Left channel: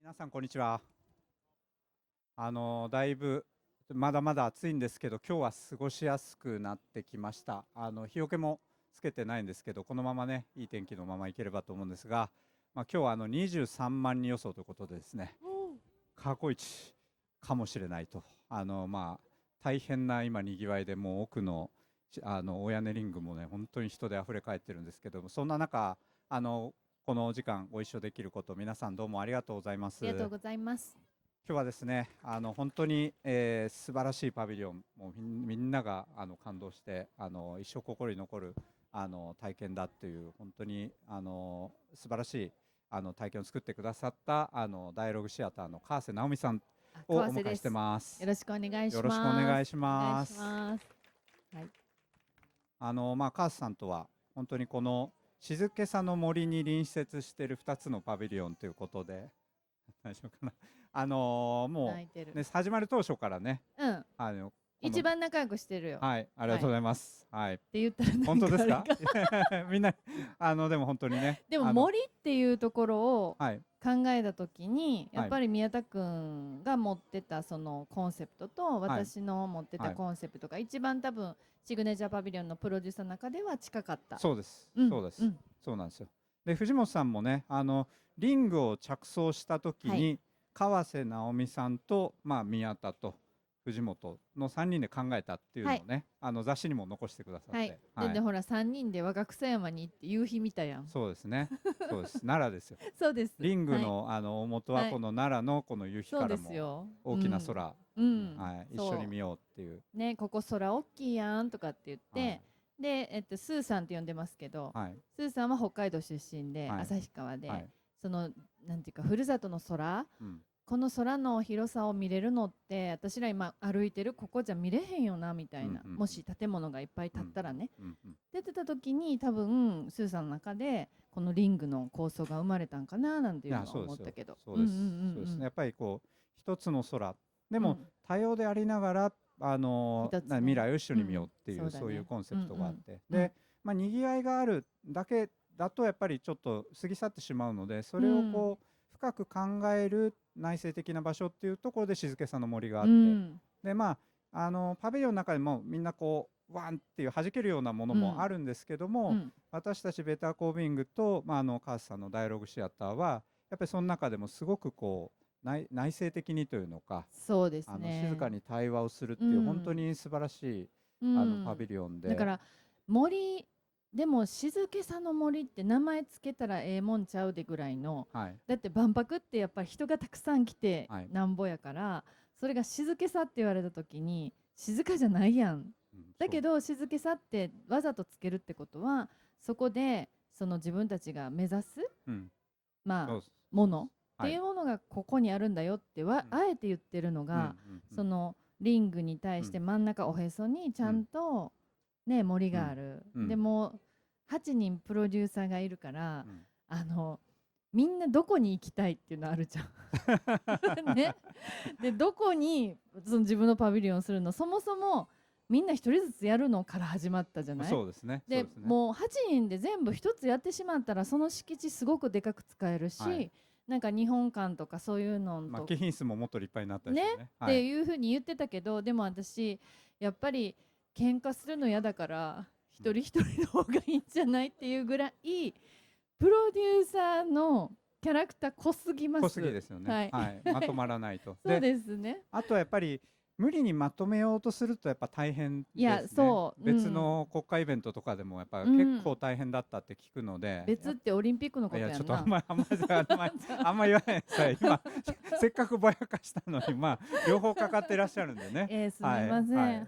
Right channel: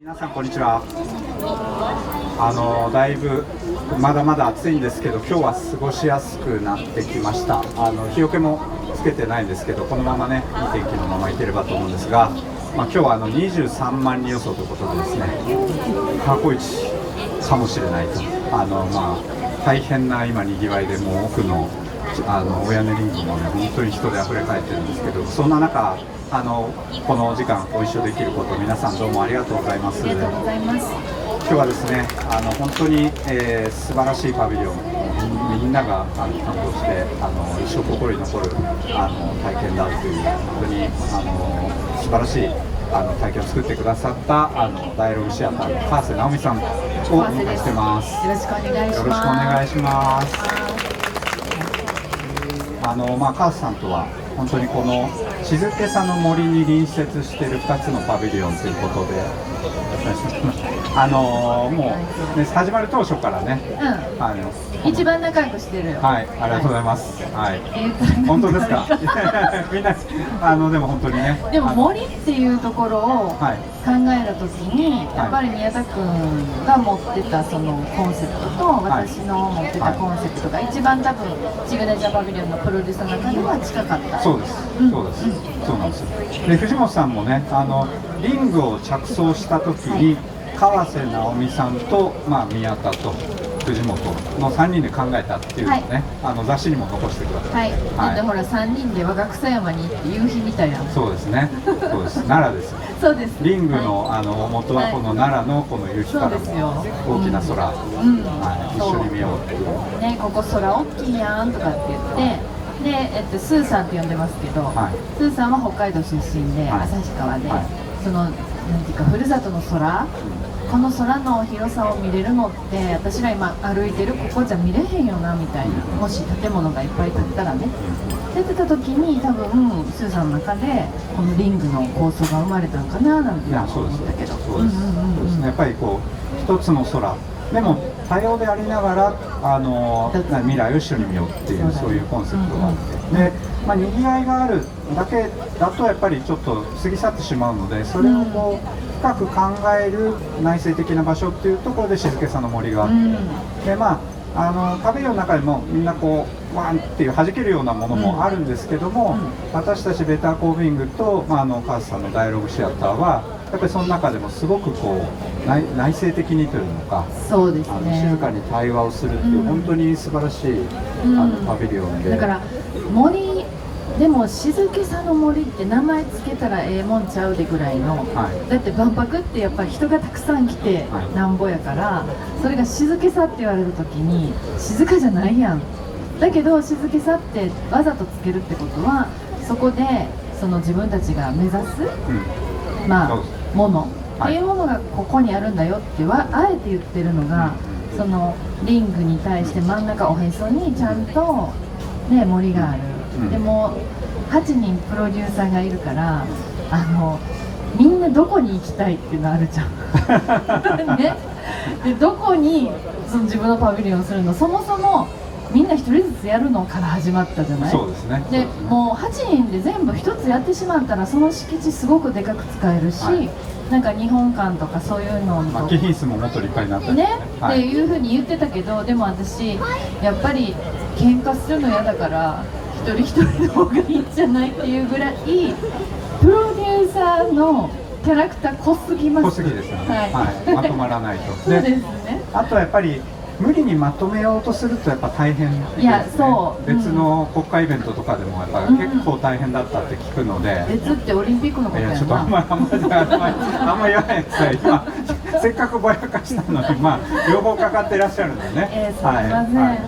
皆さんこんにちは。だいぶまだまだ暑いんですけど、今日は過ごしやすくなってきました。日よけもつけてないんですけど、このままねいい天気のままいければと思うんですが、今日は23万人予想ということでですね、過去一かもしれないと。大変な今にぎわいで、もう奥のお屋根リングもね本当に人で溢れ返ってるんですけど、そんな中このお時間ご一緒できること、皆さんどうもありがとうございます。ありがとうございます。今日はですね、本当に、素晴らしいパビリオン、みんなが担当して一生心に残る体験だという、本当に素晴らしい体験を作ってくださったダイアログシアターの川瀬直美さんをお迎えしてます。よろしくお願いします。よろしくお願いします。川瀬さんとは本当にこの静けさの森に隣接している2つのパビリオンということで、もう、ね、始まる当初からね、一番仲良くしてるよ。はい、ありがとうございます。はい、本当ですか。みんなでも本当にね。でも森っていうところを考えたときに、やっぱり宮田君が持ってたそのコンセプトと私の持ってたコンセプトが一番多分シグネチャーパビリオンのプロデューサーの中では近かった。そうです。そうです。そうなんですよ。で、藤本さんもね、リングを着想したときに、川瀬直美さんと、宮田と藤本の3人で考えたっていうのをね、雑誌にも残してください。はい。でほら3人で我が草山に行って夕日見たやん。そうですね。そうです。奈良です。そうです。リングの元はこの奈良のこの夕日からの大きな空、一緒に見ようっていうね、ここ空大きいやんとかって言って。で、スーさんって呼んでますけど、スーさんは北海道出身で、旭川で、そのなんていうかふるさとの空、この空の広さを見れるのって私ら今歩いてるここじゃ見れへんよなみたいな、もし建物がいっぱい建ったらねって言ってた時に、多分スーさんの中でこのリングの構想が生まれたのかななんて思ったけど、そうですね。やっぱりこう一つの空でも多様でありながら未来を一緒に見ようっていう、そういうコンセプトがあって、で、にぎわいがあるだけだとやっぱりちょっと過ぎ去ってしまうので、それをこう深く考える内省的な場所っていうところで静けさの森があって、でパビリオンの中でもみんなこうワンっていう弾けるようなものもあるんですけども、私たちベターコービングと、川瀬さんのダイアログシアターはやっぱりその中でもすごくこう内省的にというのか、そうですね、静かに対話をするっていう、本当に素晴らしいパビリオンで、だから森でも静けさの森って名前つけたらええもんちゃうでぐらいの、だって万博ってやっぱり人がたくさん来てなんぼやから、それが静けさって言われる時に静かじゃないやん。だけど静けさってわざとつけるってことは、そこでその自分たちが目指す、ものっていうものがここにあるんだよってあえて言ってるのが、そのリングに対して真ん中おへそにちゃんと、ね、森がある。でも8人プロデューサーがいるから、みんなどこに行きたいっていうのあるじゃん。ね、でどこにその自分のパビリオンをするの、そもそもみんな1人ずつやるのから始まったじゃない。そうですね。でもう8人で全部1つやってしまったら、その敷地すごくでかく使えるし、なんか日本館とかそういうのの貴賓室ももっと立派になったりね、っていうふうに言ってたけど、でも私やっぱり喧嘩するの嫌だから一人一人の方がいいんじゃないっていうぐらいプロデューサーのキャラクター濃すぎます。濃すぎですよね。まとまらないと。そうですね。あとはやっぱり無理にまとめようとするとやっぱ大変ですね。いや、そう、別の国家イベントとかでもやっぱ結構大変だったって聞くので。別ってオリンピックのことやな。いや、ちょっとあんま言わないでください。今せっかくぼやかしたのに、両方かかってらっしゃるんでね。すみません。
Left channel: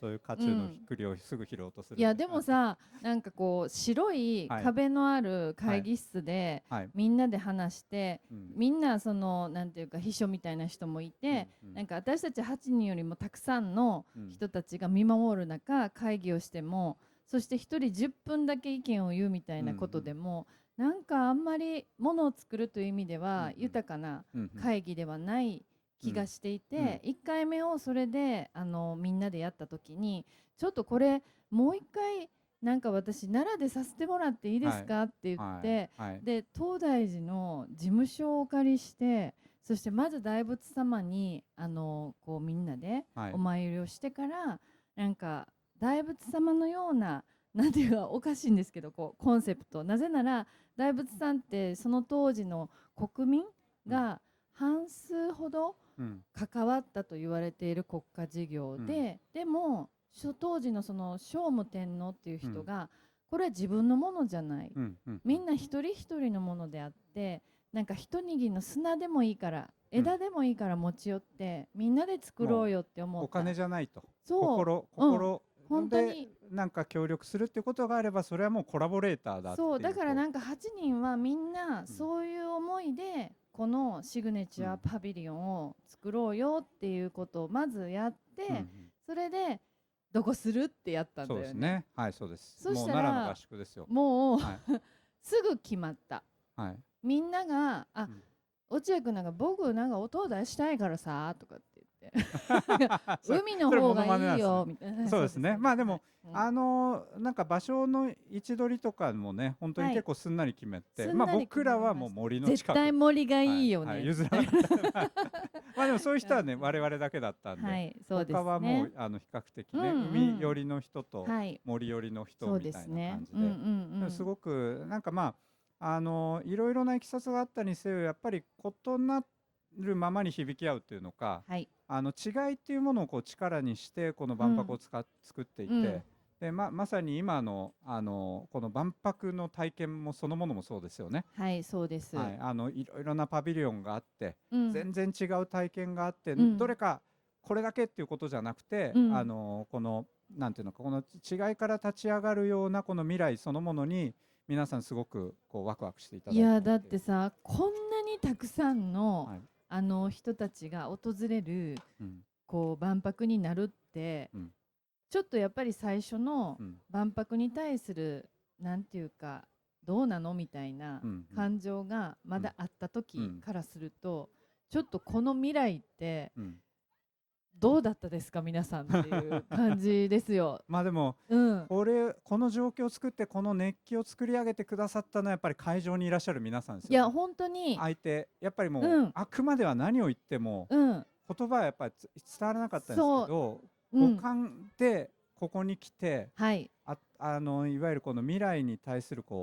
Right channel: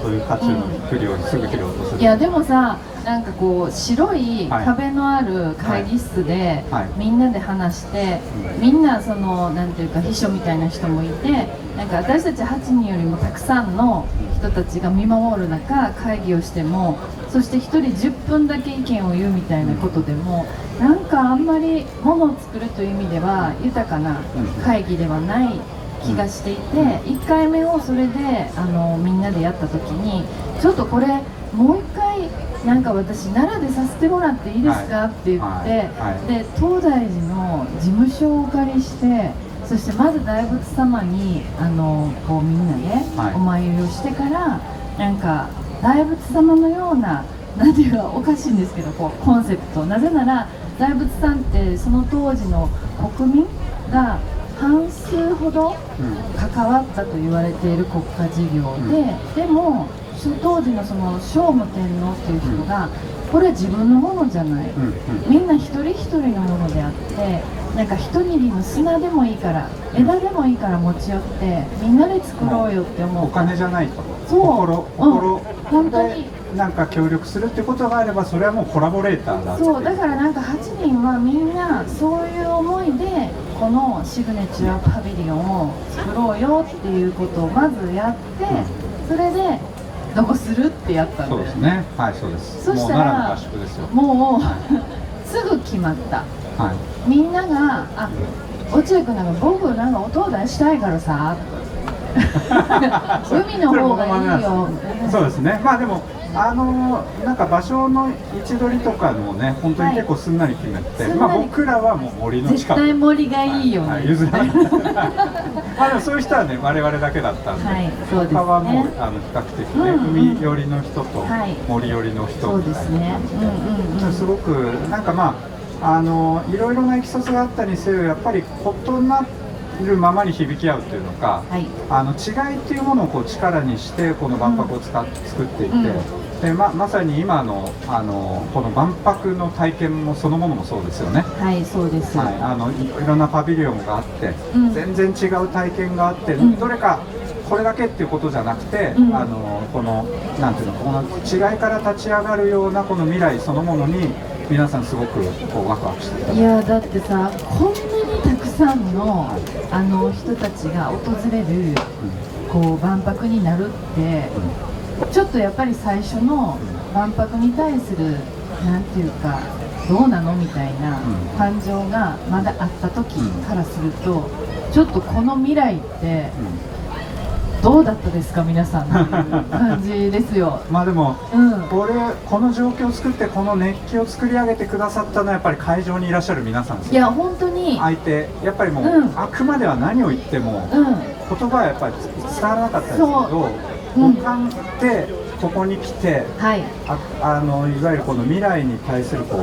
そういう渦中の不良にすぐ切ろうとする。いやでもさ、なんかこう白い壁のある会議室でみんなで話して、みんなそのなんていうか秘書みたいな人もいて、なんか私たち8人よりもたくさんの人たちが見守る中会議をしても、そして1人10分だけ意見を言うみたいなことでも、なんかあんまりものを作るという意味では豊かな会議ではない気がしていて、1回目をそれでみんなでやった時にちょっとこれもう一回なんか私奈良でさせてもらっていいですかって言って、で東大寺の事務所をお借りして、そしてまず大仏様にこうみんなね、お参りをしてから、なんか大仏様のような、なんていうかおかしいんですけど、こうコンセプト、なぜなら大仏さんってその当時の国民が半数ほど関わったと言われている国家事業で、でも当時のその聖武天皇っていう人が、これは自分のものじゃない、みんな一人一人のものであって、なんか一握りの砂でもいいから、枝でもいいから持ち寄ってみんなで作ろうよって思う。お金じゃないと、心本当になんか協力するってことがあれば、それはもうコラボレーターだって。そうだからなんか8人はみんなそういう思いでこのシグネチュアパビリオンを作ろうよっていうことをまずやって、それでどうするってやったんで。そうですね、はい、そうです。そしたらもうすぐ決まった、みんなが「あ、落合君なんか僕なんか音を出したいからさ」海の方がいいよ。そうですね。まあでもなんか場所の位置取りとかもね、本当に結構すんなり決めて、まあ僕らはもう森の近く。絶対森がいいよね。譲らない。まあでもそういう人はね、我々だけだったんで、他はもう比較的ね、海寄りの人と森寄りの人みたいな感じで、すごくなんかまあいろいろな経緯があったにせよ、やっぱり異なるままに響き合うというのか、違いっていうものをこう力にしてこの万博を作っていて、でまさに今のこの万博の体験もそのものもそうですよね。はい、そうです。いろんなパビリオンがあって、全然違う体験があって、どれかこれだけっていうことじゃなくて、このなんていうの、この違いから立ち上がるようなこの未来そのものに皆さんすごくこうワクワクしてた。いやだってさ、こんなにたくさんの人たちが訪れるこう万博になるって、ちょっとやっぱり最初の万博に対するなんていうかどうなのみたいな感情がまだあった時からすると、ちょっとこの未来ってどうだったですか皆さんっていう感じですよ。まあでも、この状況を作ってこの熱気を作り上げてくださったのはやっぱり会場にいらっしゃる皆さんです。いや本当に相手やっぱりもう、あくまでは何を言っても、言葉はやっぱり伝わらなかったですけど、五感でここに来て、いわゆるこの未来に対するこう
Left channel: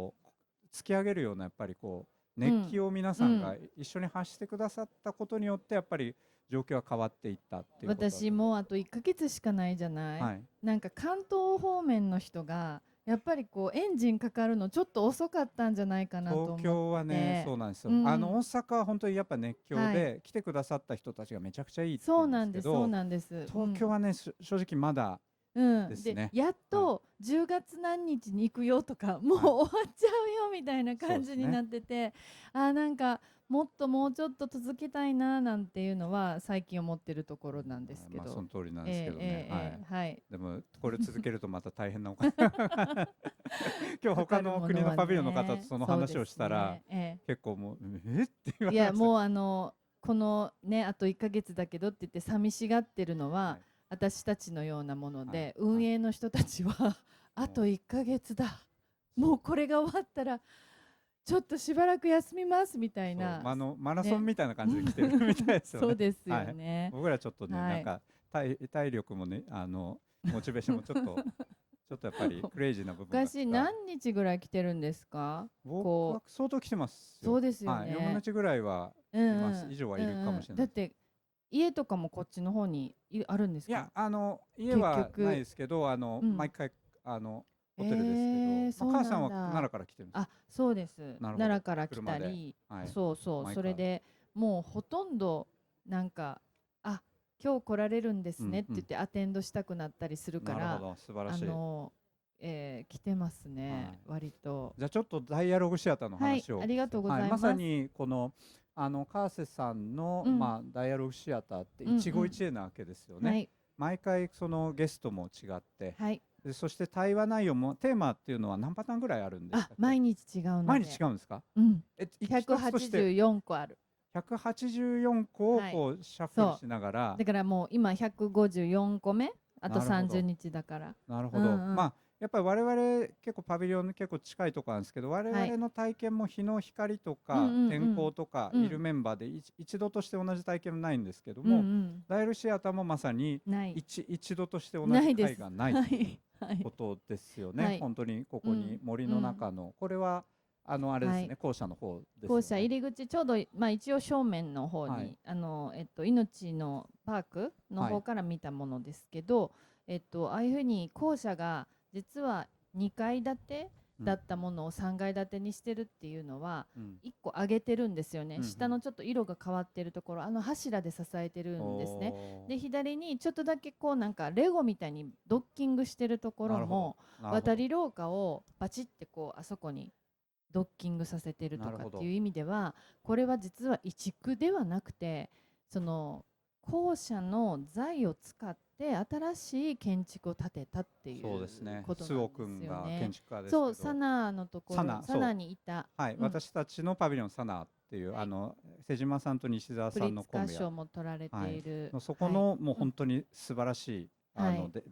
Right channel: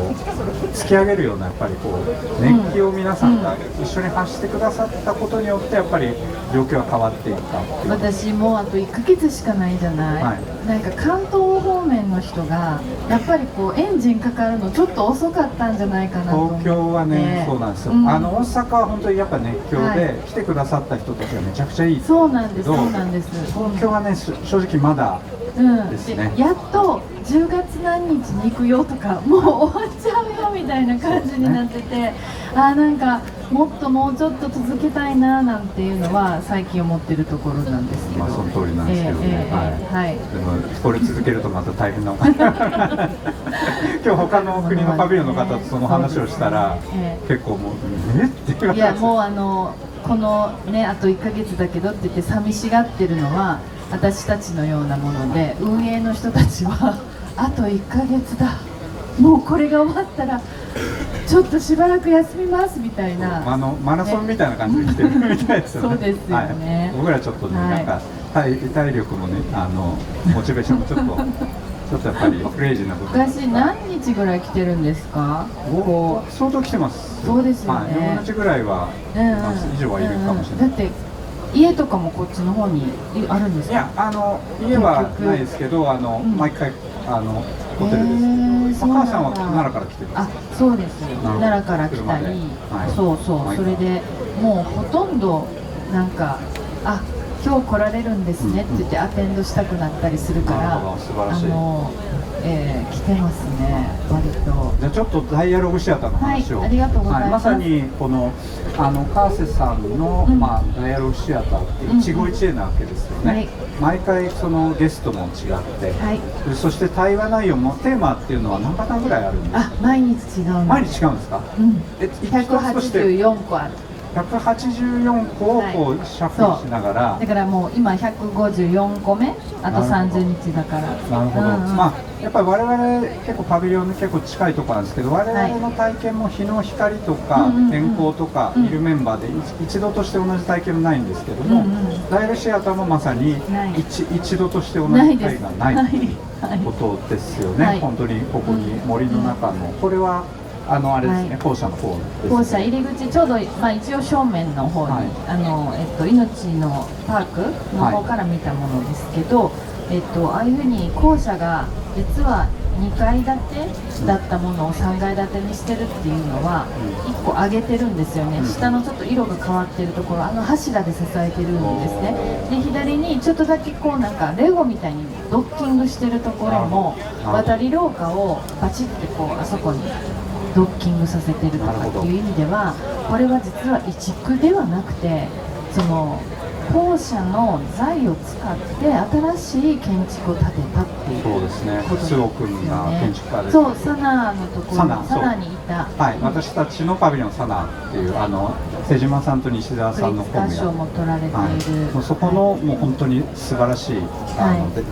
突き上げるようなやっぱりこう熱気を皆さんが一緒に発してくださったことによってやっぱり状況は変わっていったっていう。私もうあと1ヶ月しかないじゃない、なんか関東方面の人がやっぱりこうエンジンかかるのちょっと遅かったんじゃないかなと思って。東京はね、そうなんですよ、大阪は本当にやっぱ熱狂で、来てくださった人たちがめちゃくちゃいいですけど、そうなんです、そうなんです。東京はね正直まだですね。やっと10月何日に行くよとかもう終わっちゃうよみたいな感じになってて、なんかもうちょっと続けたいななんていうのは最近思ってるところなんですけど。その通りなんですけどね。でもこれ続けるとまた大変な今日他の国のパビリオンの方とその話をしたら、結構もうって言われて、いやもうこのねあと1ヶ月だけどって言って寂しがってるのは私たちのようなもので、運営の人たちはあと1ヶ月だ、もうこれが終わったらちょっとしばらく休みますみたいな、マラソンみたいな感じで来てるみたいですよね。そうですよね。僕らちょっとね、なんか体力もねモチベーションもちょっとやっぱりクレイジーな部分。昔何日ぐらい来てるんですか？相当来てます。そうですよね。4日ぐらいは以上はいるかもしれない。だって家とかもこっちの方にあるんですか？いや家はないですけど毎回ホテルです。母さんは奈良から来てます。そうです。奈良から来たり、それでもうほとんどなんか今日来られるんですねって言ってアテンドしたくなったりするから、来てますね、割と。じゃあちょっとダイアログシアターの話を。ありがとうございます。まさにこの川瀬さんのダイアログシアターって一期一会なわけですよね。毎回そのゲストも違って、そして対話内容もテーマっていうのは何パターンぐらいあるんですか？毎日違う。毎日違うんですか？184個ある。184個をこうシャッフルしながら、だからもう今154個目、あと30日だから。なるほど、まあやっぱり我々結構パビリオンに結構近いところなんですけど、我々の体験も日の光とか天候とかいるメンバーで一度として同じ体験はないんですけども、ダイルシアターもまさに一度として同じ体験がないということですよね。本当にここに森の中の、これはあれですね、校舎の方ですね。校舎入り口ちょうど、まあ、一応正面の方に、命のパークの方から見たものですけど、ああいうふうに校舎が実は2階建てだったものを3階建てにしてるっていうのは1個上げてるんですよね。下のちょっと色が変わってるところ、柱で支えてるんですね。で左にちょっとだけこうなんかレゴみたいにドッキングしてるところも渡り廊下をバチッてこうあそこにドッキングさせてるとかっていう意味では、これは実は移築ではなくて、その校舎の材を使って新しい建築を建てたっていうことですね。周防君が建築家です。そう、サナのところにサナにいた、はい、私たちのパビリオンサナっていう瀬島さんと西澤さんのコンビ賞も取られている、もうそこのもう本当に素晴らしい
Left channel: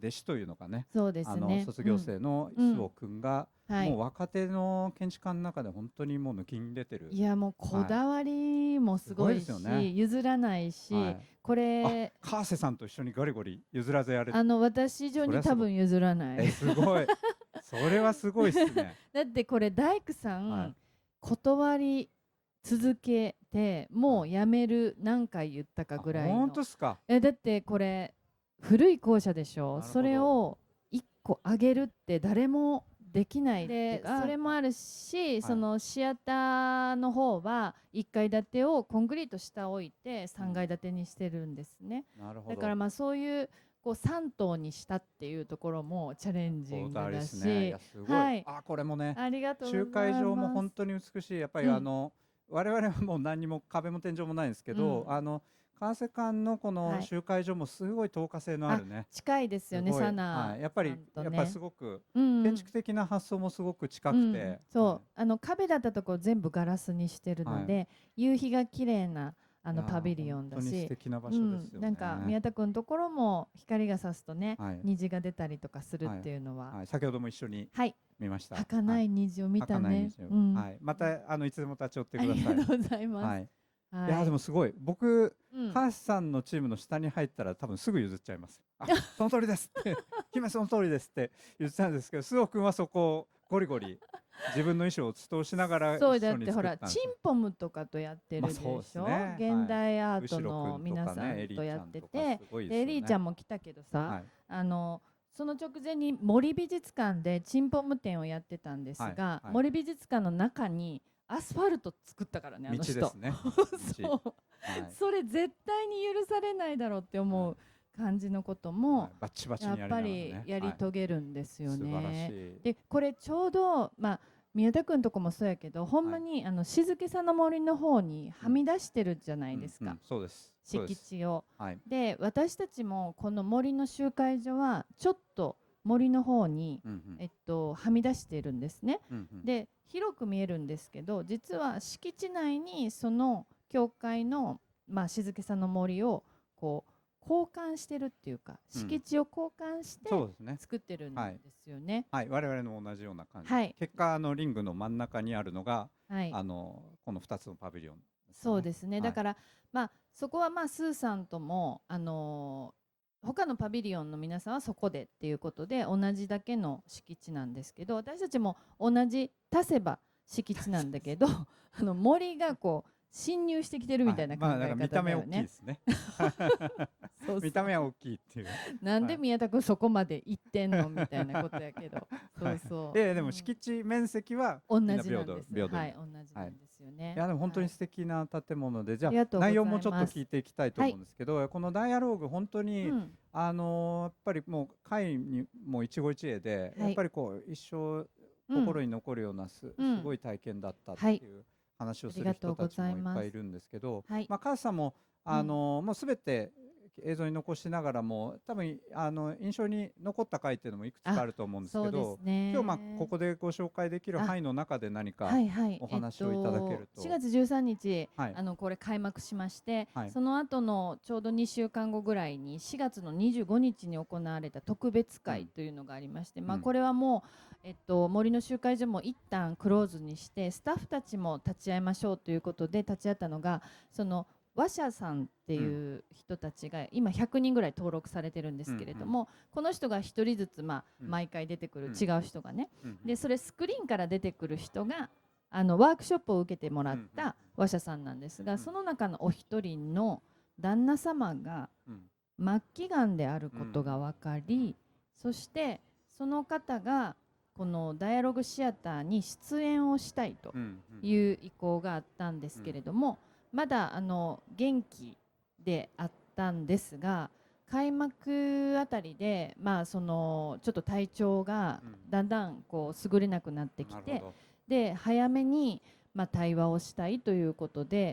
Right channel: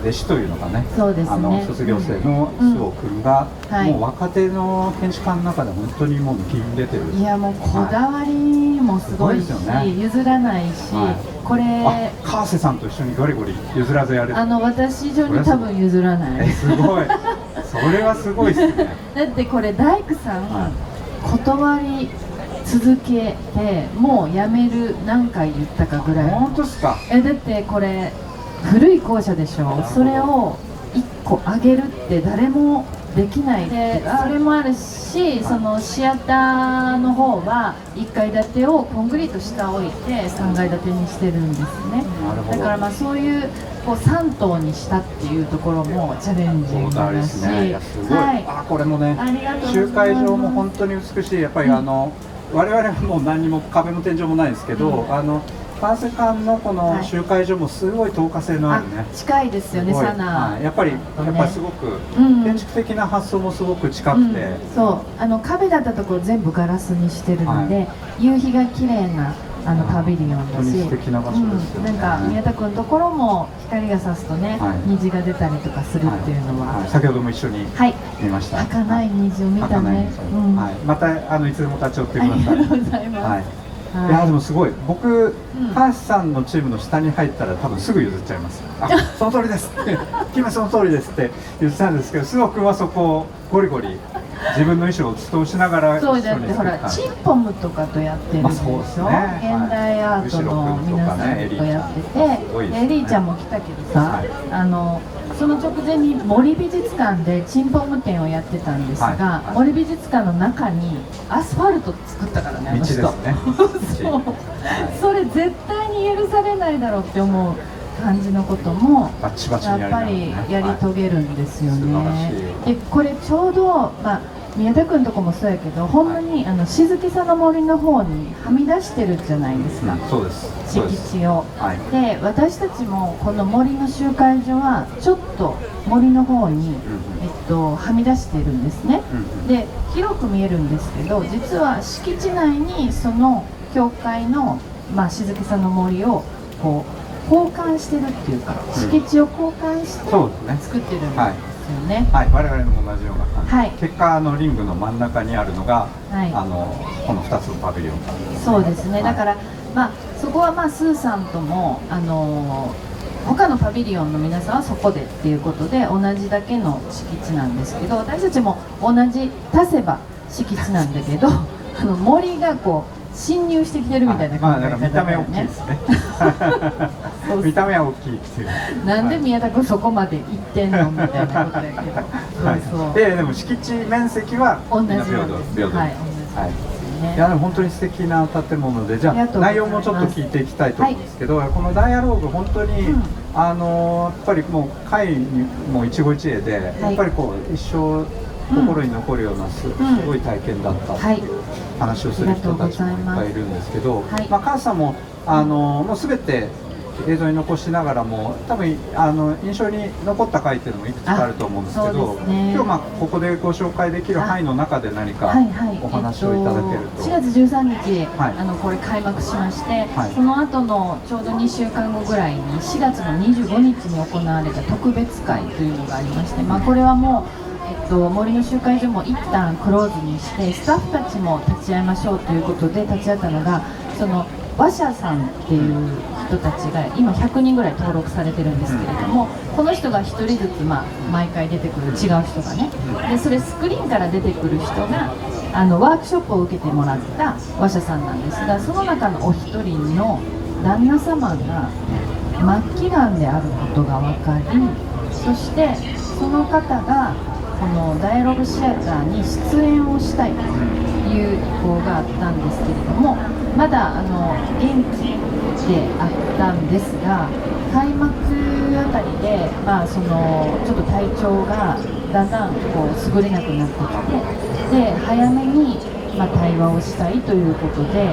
弟子というのがね、そうですね、卒業生の周防君がもう若手の建築家の中で本当にもう抜きん出てる。いやもうこだわりもすごいし、譲らないし、これ川瀬さんと一緒にゴリゴリ譲らずやる。私以上に多分譲らない。すごい。それはすごいですね。だってこれ大工さん断り続けてもうやめる何回言ったかぐらい。本当ですか。だってこれ古い校舎でしょ。それを1個上げるって誰もできないで、それもあるし、そのシアターの方は1階建てをコンクリート下置いて3階建てにしてるんですね。だからまあそういうこう3棟にしたっていうところもチャレンジングだし、はい、これもね、集会場も本当に美しい。やっぱり我々はもう何にも壁も天井もないですけど、川瀬館のこの集会所もすごい透過性のあるね、近いですよね、サナ。やっぱりすごく建築的な発想もすごく近くて、そう壁だったところ全部ガラスにしてるので、夕日が綺麗なパビリオンだし、素敵な場所ですよね。なんか宮田君のところも光が差すとね、虹が出たりとかするっていうのは、先ほども一緒に見ました。儚い虹を見たね。またいつでも立ち寄ってください。ありがとうございます。いやでもすごい、僕、川瀬さんのチームの下に入ったら多分すぐ譲っちゃいます。その通りですって「君その通りです」って言ってたんですけど、須藤君はそこをゴリゴリ自分の意思を通しながら。そうだってほらチンポムとかとやってるでしょ、現代アートの皆さんとやってて、エリーちゃんも来たけどさ、その直前に森美術館でチンポム展をやってたんですが、森美術館の中にアスファルト作ったからね、あの人。それ絶対に許されないだろうって思う感じのこともやっぱりやり遂げるんですよね。でこれちょうど、宮田君とこもそうやけど、ほんまに静けさの森の方にはみ出してるじゃないですか、敷地を。で私たちもこの森の集会所はちょっと森の方に、はみ出してるんですね。で広く見えるんですけど、実は敷地内にその教会の、静けさの森をこう交換してるっていうか、敷地を交換して作ってるんですよね。はい、我々も同じような感じ。結果リングの真ん中にあるのが、この2つのパビリオン。そうですね。だからそこはスーさんとも他のパビリオンの皆さんはそこでっていうことで同じだけの敷地なんですけど、私たちも同じ足せば敷地なんだけど、森がこう侵入してきてるみたいな感じで、見た目大きいですね。見た目は大きいっていう。なんで宮田君そこまで行ってんのみたいなことやけど。でも敷地面積は同じなんです。いやでも本当に素敵な建物で、じゃあ内容もちょっと聞いていきたいと思うんですけど、このダイアローグ本当にやっぱりもう会にも一期一会で、やっぱりこう一生心に残るようなすごい体験だったっていう話をする人たちもいっぱいいるんですけど、川瀬さんももう全て映像に残しながらも多分印象に残った回っていうのもいくつかあると思うんですけど、今日ここでご紹介できる範囲の中で何かお話をいただけると。4月13日、これ開幕しまして、その後のちょうど2週間後ぐらいに4月の25日に行われた特別会というのがありまして、これはもう森の集会所も一旦クローズにしてスタッフたちも立ち会いましょうということで立ち会ったのが、その話者さんっていう人たちが今100人ぐらい登録されてるんですけれども、この人が1人ずつ毎回出てくる違う人がね、でそれスクリーンから出てくる人がワークショップを受けてもらった話者さんなんですが、その中のお一人の旦那様が末期がんであることが分かり、そしてその方がこのダイアログシアターに出演をしたいという意向があったんですけれども、まだ現地であったんですが、開幕あたりで、そのちょっと体調がだんだん優れなくなってきて、で早めに対話をしたいということで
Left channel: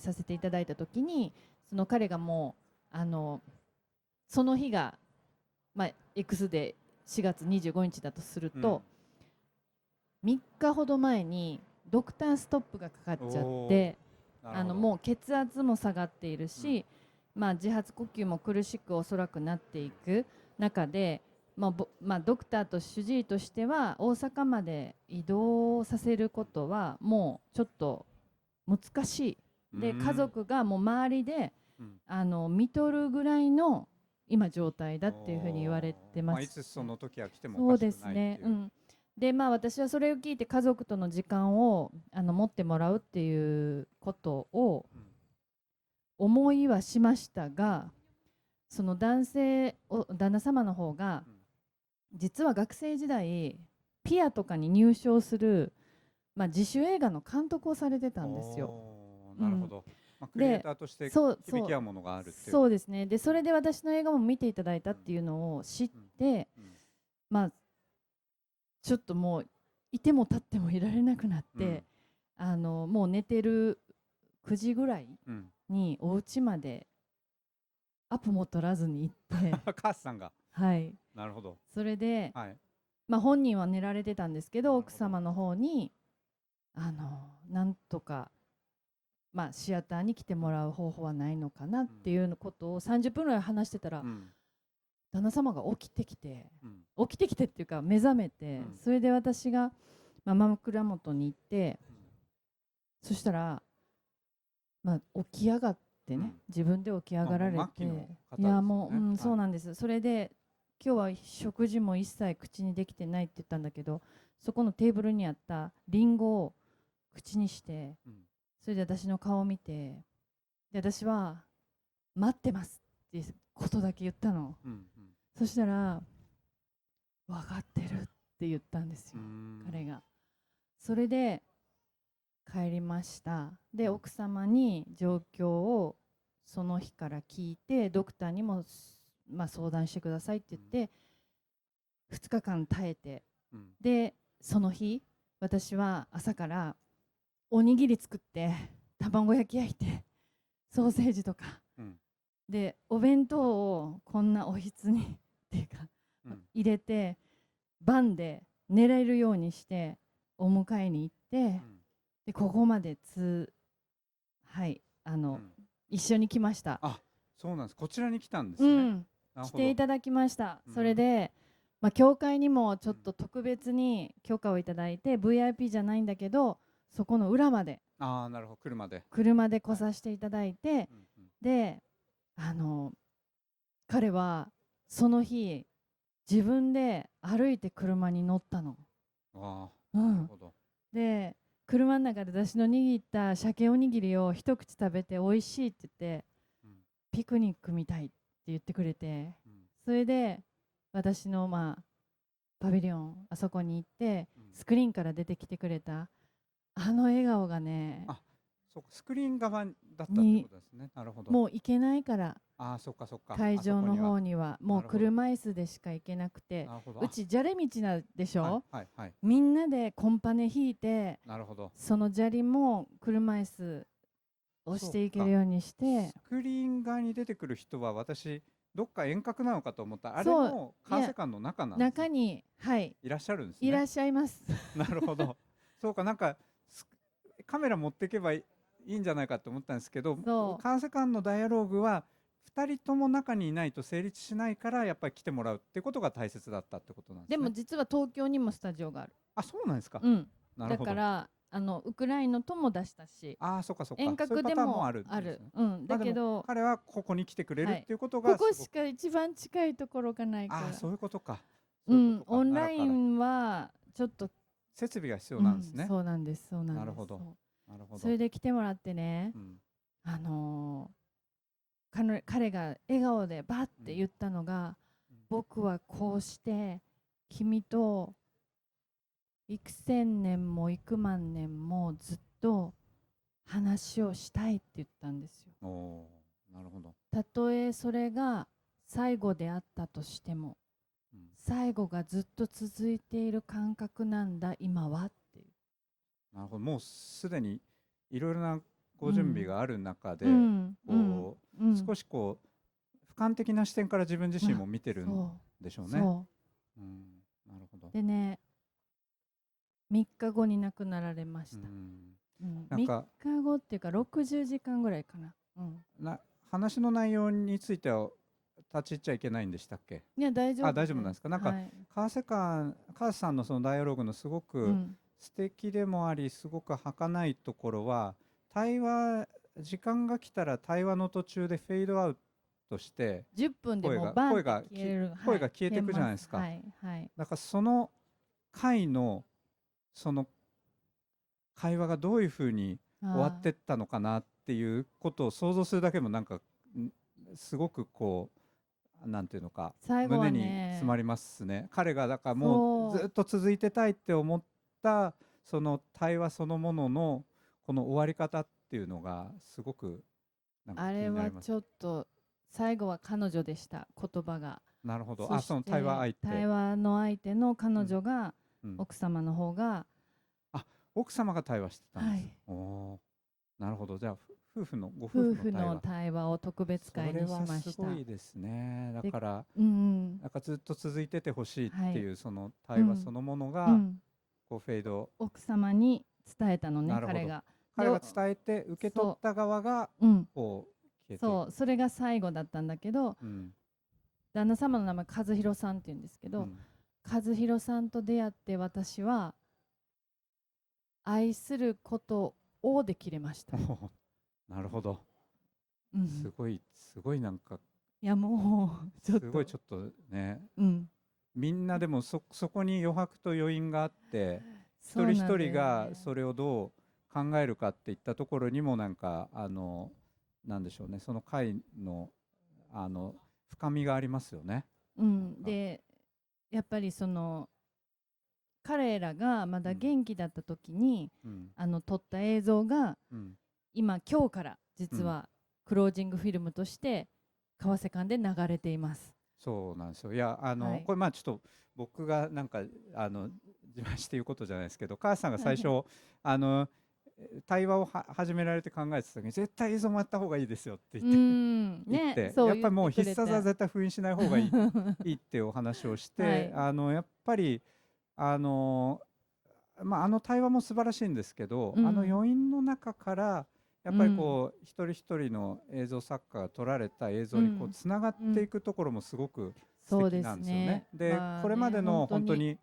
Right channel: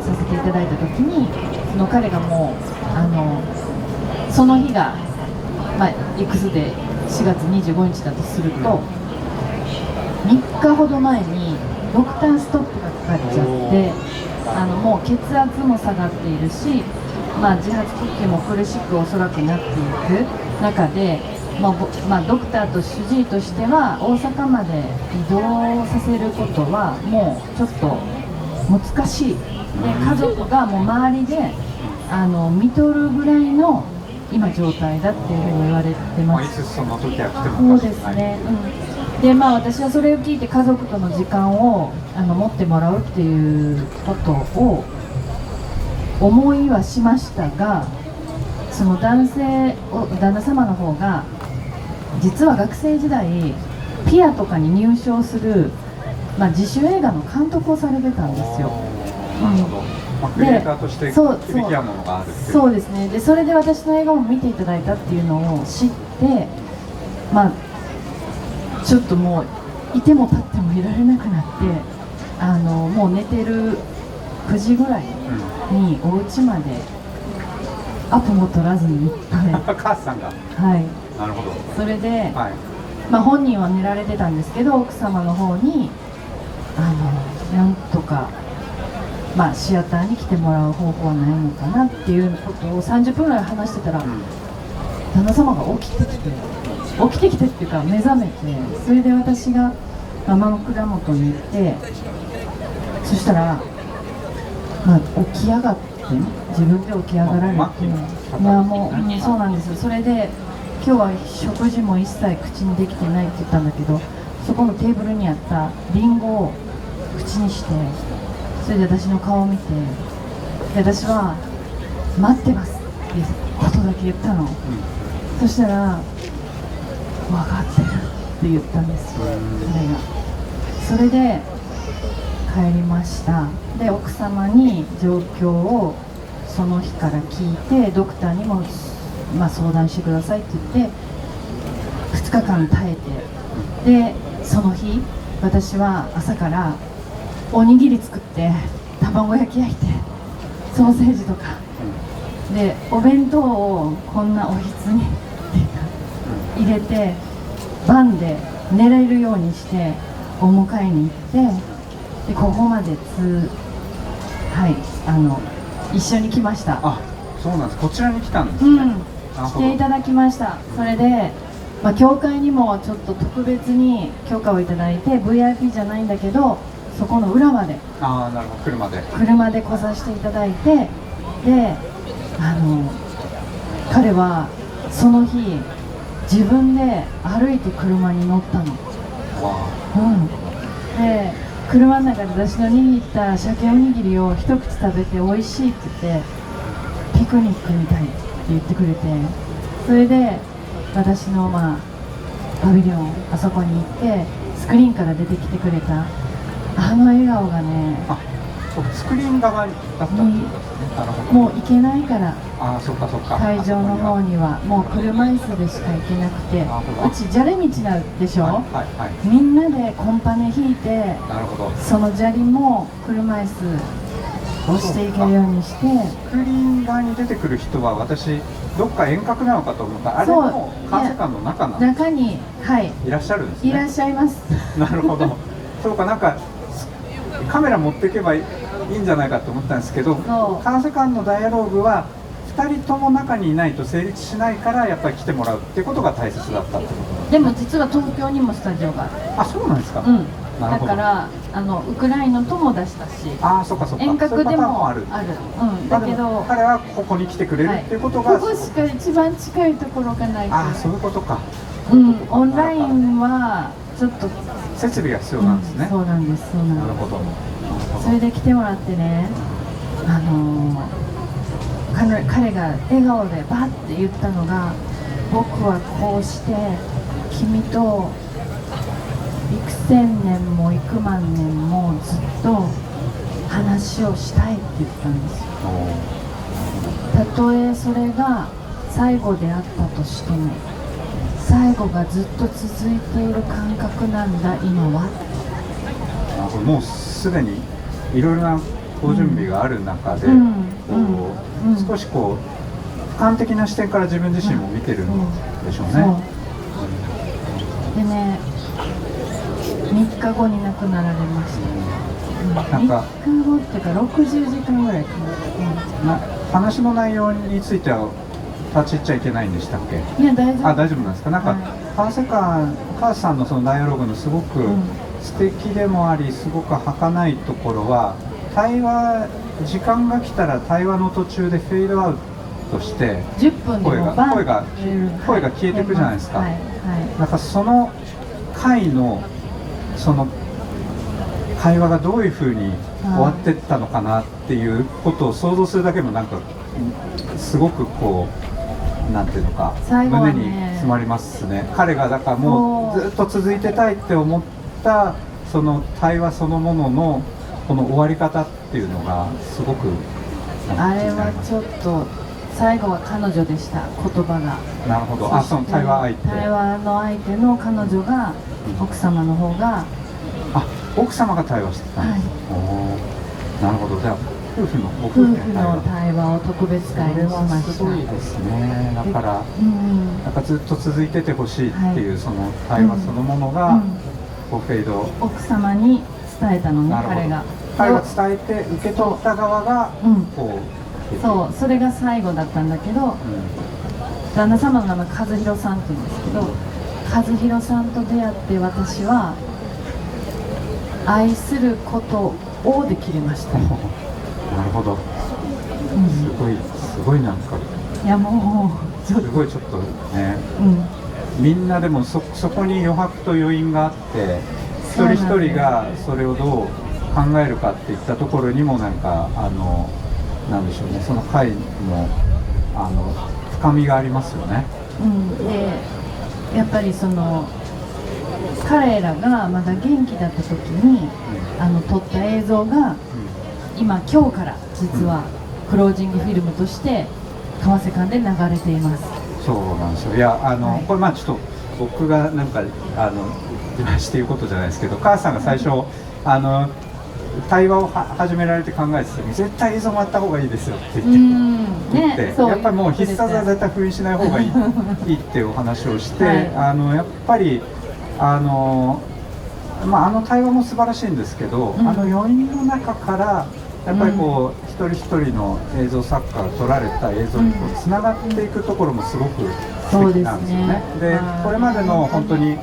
させていただいたときに、その彼がもうその日がいくつで4月25日だとすると、3日ほど前にドクターストップがかかっちゃって、もう血圧も下がっているし、自発呼吸も苦しくおそらくなっていく中で、ドクターと主治医としては大阪まで移動させることはもうちょっと難しい。で家族がもう周りで見とるぐらいの今状態だっていうふうに言われてます。いつその時は来てもそうですね、で私はそれを聞いて家族との時間を持ってもらうっていうことを思いはしましたが、その旦那様の方が実は学生時代ピアとかに入賞する、自主映画の監督をされてたんですよ。クリエイターとして響き合うものがあるっていう。そうですね。でそれで私の映画を見ていただいたっていうのを知って、ちょっともういても立ってもいられなくなって、もう寝てる9時ぐらいにお家までアポも取らずに行って母さんが、はい、なるほど。それで、本人は寝られてたんですけど、奥様の方になんとかシアターに来てもらう方法はないのかなっていうことを30分ぐらい話してたら、旦那様が起きてきてっていうか目覚めて、それで私が枕元に行って、そしたら、起き上がって、自分で起き上がられて、いやもう、そうなんですよ。それで今日は食事も一切口にできてないって言ったんだけど、そこのテーブルにあったリンゴを口にして、それで私の顔を見て、私は待ってますっていうことだけ言ったの。そしたら分かってるって言ったんですよ、それで帰りました。で奥様に状況をその日から聞いて、ドクターにも、相談してくださいって言って2日間耐えて、でその日私は朝からおにぎり作って卵焼き焼いてソーセージとかでお弁当をこんなおひつに入れて晩で寝れるようにしてお迎えに行って、でここまで一緒に来ました。あ、そうなんです。こちらに来たんですね。来ていただきました。それで、教会にもちょっと特別に許可をいただいて VIP じゃないんだけど、そこの裏までなるほど、車で来させていただいて、で彼はその日自分で歩いて車に乗ったの。で車の中で私の握った鮭おにぎりを一口食べて美味しいって言って、ピクニックみたいって言ってくれて、それで私のパビリオンあそこに行ってスクリーンから出てきてくれた笑顔がね、スクリーン側だったにもう行けないから、会場の方にはもう車椅子でしか行けなくて、うち砂利道なんでしょ、みんなでコンパネ引いて、その砂利も車椅子押していけるようにして。スクリーン側に出てくる人は私どっか遠隔なのかと思ったら、あれも管制官の中なんです。中に、はい、いらっしゃるんですね。いらっしゃいます。なるほど。そうか、なんかカメラ持っていけばいいんじゃないかと思ったんですけど、管制官のダイアローグは2人とも中にいないと成立しないから、やっぱり来てもらうってことが大切だったってことでも実は東京にもスタジオがある。あ、そうなんですか。うん、だからウクライナとも出したし、あ、そうかそうか、遠隔でもある。うん、だけど彼はここに来てくれるっていうことが、ここしか一番近いところがないから。あ、そういうことか。うん、オンラインはちょっと設備が必要なんですね。そうなんです、そうなんです。なるほど。それで来てもらってね、彼が笑顔でバッて言ったのが、僕はこうして君と幾千年も幾万年もずっと話をしたいって言ったんですよ。たとえそれが最後であったとしても、最後がずっと続いている感覚なんだ今は。もうすでにいろいろなご準備がある中で、少しこう俯瞰的な視点から自分自身も見てるんでしょうね。でね、3日後に亡くなられました。3日後っていうか60時間ぐらいかな。話の内容については立ち入っちゃいけないんでしたっけ？いや、大丈夫。あ、大丈夫なんですか。なんか、カースさんのそのダイアログのすごく素敵でもあり、すごく儚いところは、時間が来たら対話の途中でフェードアウトして10分でも声が消えていくじゃないですか。なんかその回のその会話がどういうふうに終わっていったのかなっていうことを想像するだけでもなんかすごくこうなんていうのか胸に詰まりますね。彼がだからもうずっと続いてたいって思ったその対話そのもののこの終わり方っていうのがすごくあれはちょっと最後は彼女でした。言葉が。なるほど。あ、その対話の相手の彼女が、奥様の方が、あ、奥様が対話してたんです。なるほど。じゃあ夫婦の対話を特別会にしました。すごいですね。だからなんかずっと続いててほしいっていうその対話そのものがこうフェード。奥様に伝えたのね、彼が伝えて受け取った側がこう。そう、それが最後だったんだけど、旦那様の名前和弘さんって言うんですけど、和弘さんと出会って私は愛することをできれました。なるほど。すごいなんか。いやもうすごいちょっとね。みんなでもそこに余白と余韻があって、一人一人がそれをどう考えるかっていったところにもなんかなんでしょうね、その回の深みがありますよね。でやっぱりその彼らがまだ元気だった時に、撮った映像が、今日から実はクロージングフィルムとして為替館で流れています。そうなんですよ。いやこれちょっと僕がなんか自慢していうことじゃないですけど、母さんが最初対話を始められて考えてた時に絶対映像もあった方がいいですよって言って、やっぱりもう必殺は絶対封印しない方がいいっていうお話をして、やっぱり対話も素晴らしいんですけど、余韻の中からやっぱりこう一人一人の映像作家が撮られた映像にこうつながっていくところもすごく素敵なんですよね。でこれまでの本当に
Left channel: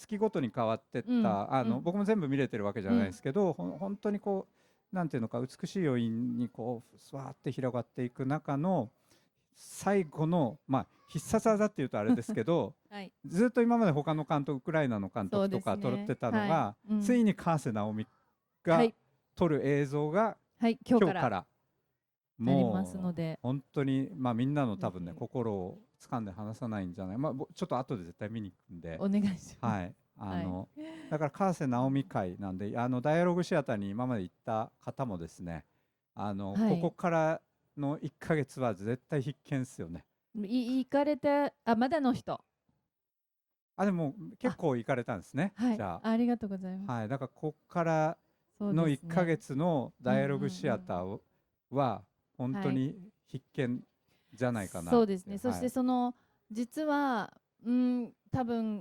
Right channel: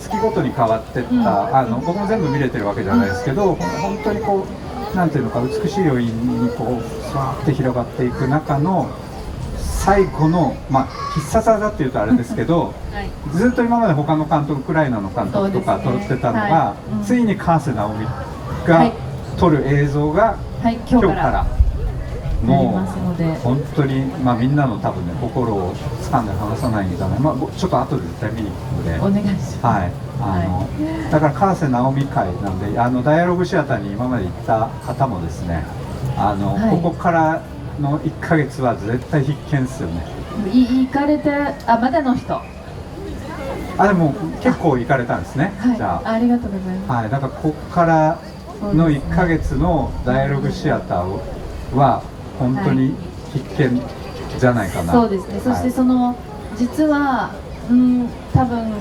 月ごとに変わってった、僕も全部見れてるわけじゃないですけど、本当にこうなんていうのか美しい余韻にこうさーって広がっていく中の最後の必殺技っていうとあれですけど、ずっと今まで他の監督、ウクライナの監督とか撮ってたのが、ついに川瀬直美が撮る映像が今日からもう本当にみんなの多分ね心を掴んで離さないんじゃない、ちょっと後で絶対見に行くのでお願いします。だから川瀬直美会なんでダイアログシアターに今まで行った方もですねここからの1ヶ月は絶対必見ですよね。行かれてまだの人でも結構行かれたんですね。じゃあありがとうございます。だからここからの1ヶ月のダイアログシアターは本当に必見じゃないかな。そうですね。そしてその実は多分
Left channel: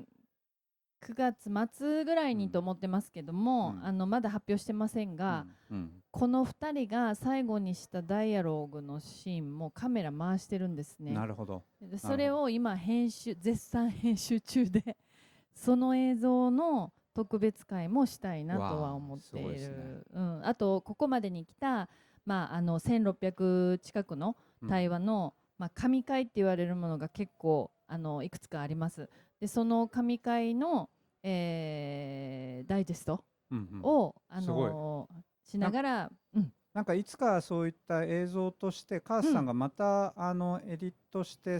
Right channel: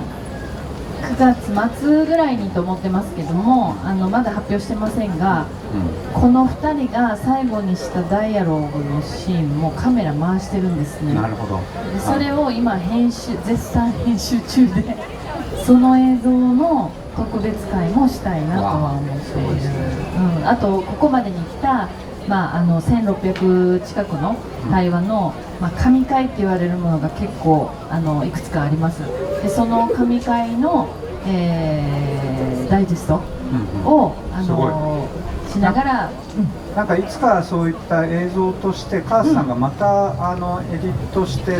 9月末ぐらいにと思ってますけども、まだ発表してませんが、この2人が最後にしたダイアログのシーンもカメラ回してるんですね。なるほど。でそれを今絶賛編集中でその映像の特別会もしたいなとは思っている。あとここまでに来た1600近くの対話の、神回って言われるものが結構いくつかあります。でその神回の、ダイジェストを、しながら、なんかいつかそういった映像としてカースさんがまた、エディットして、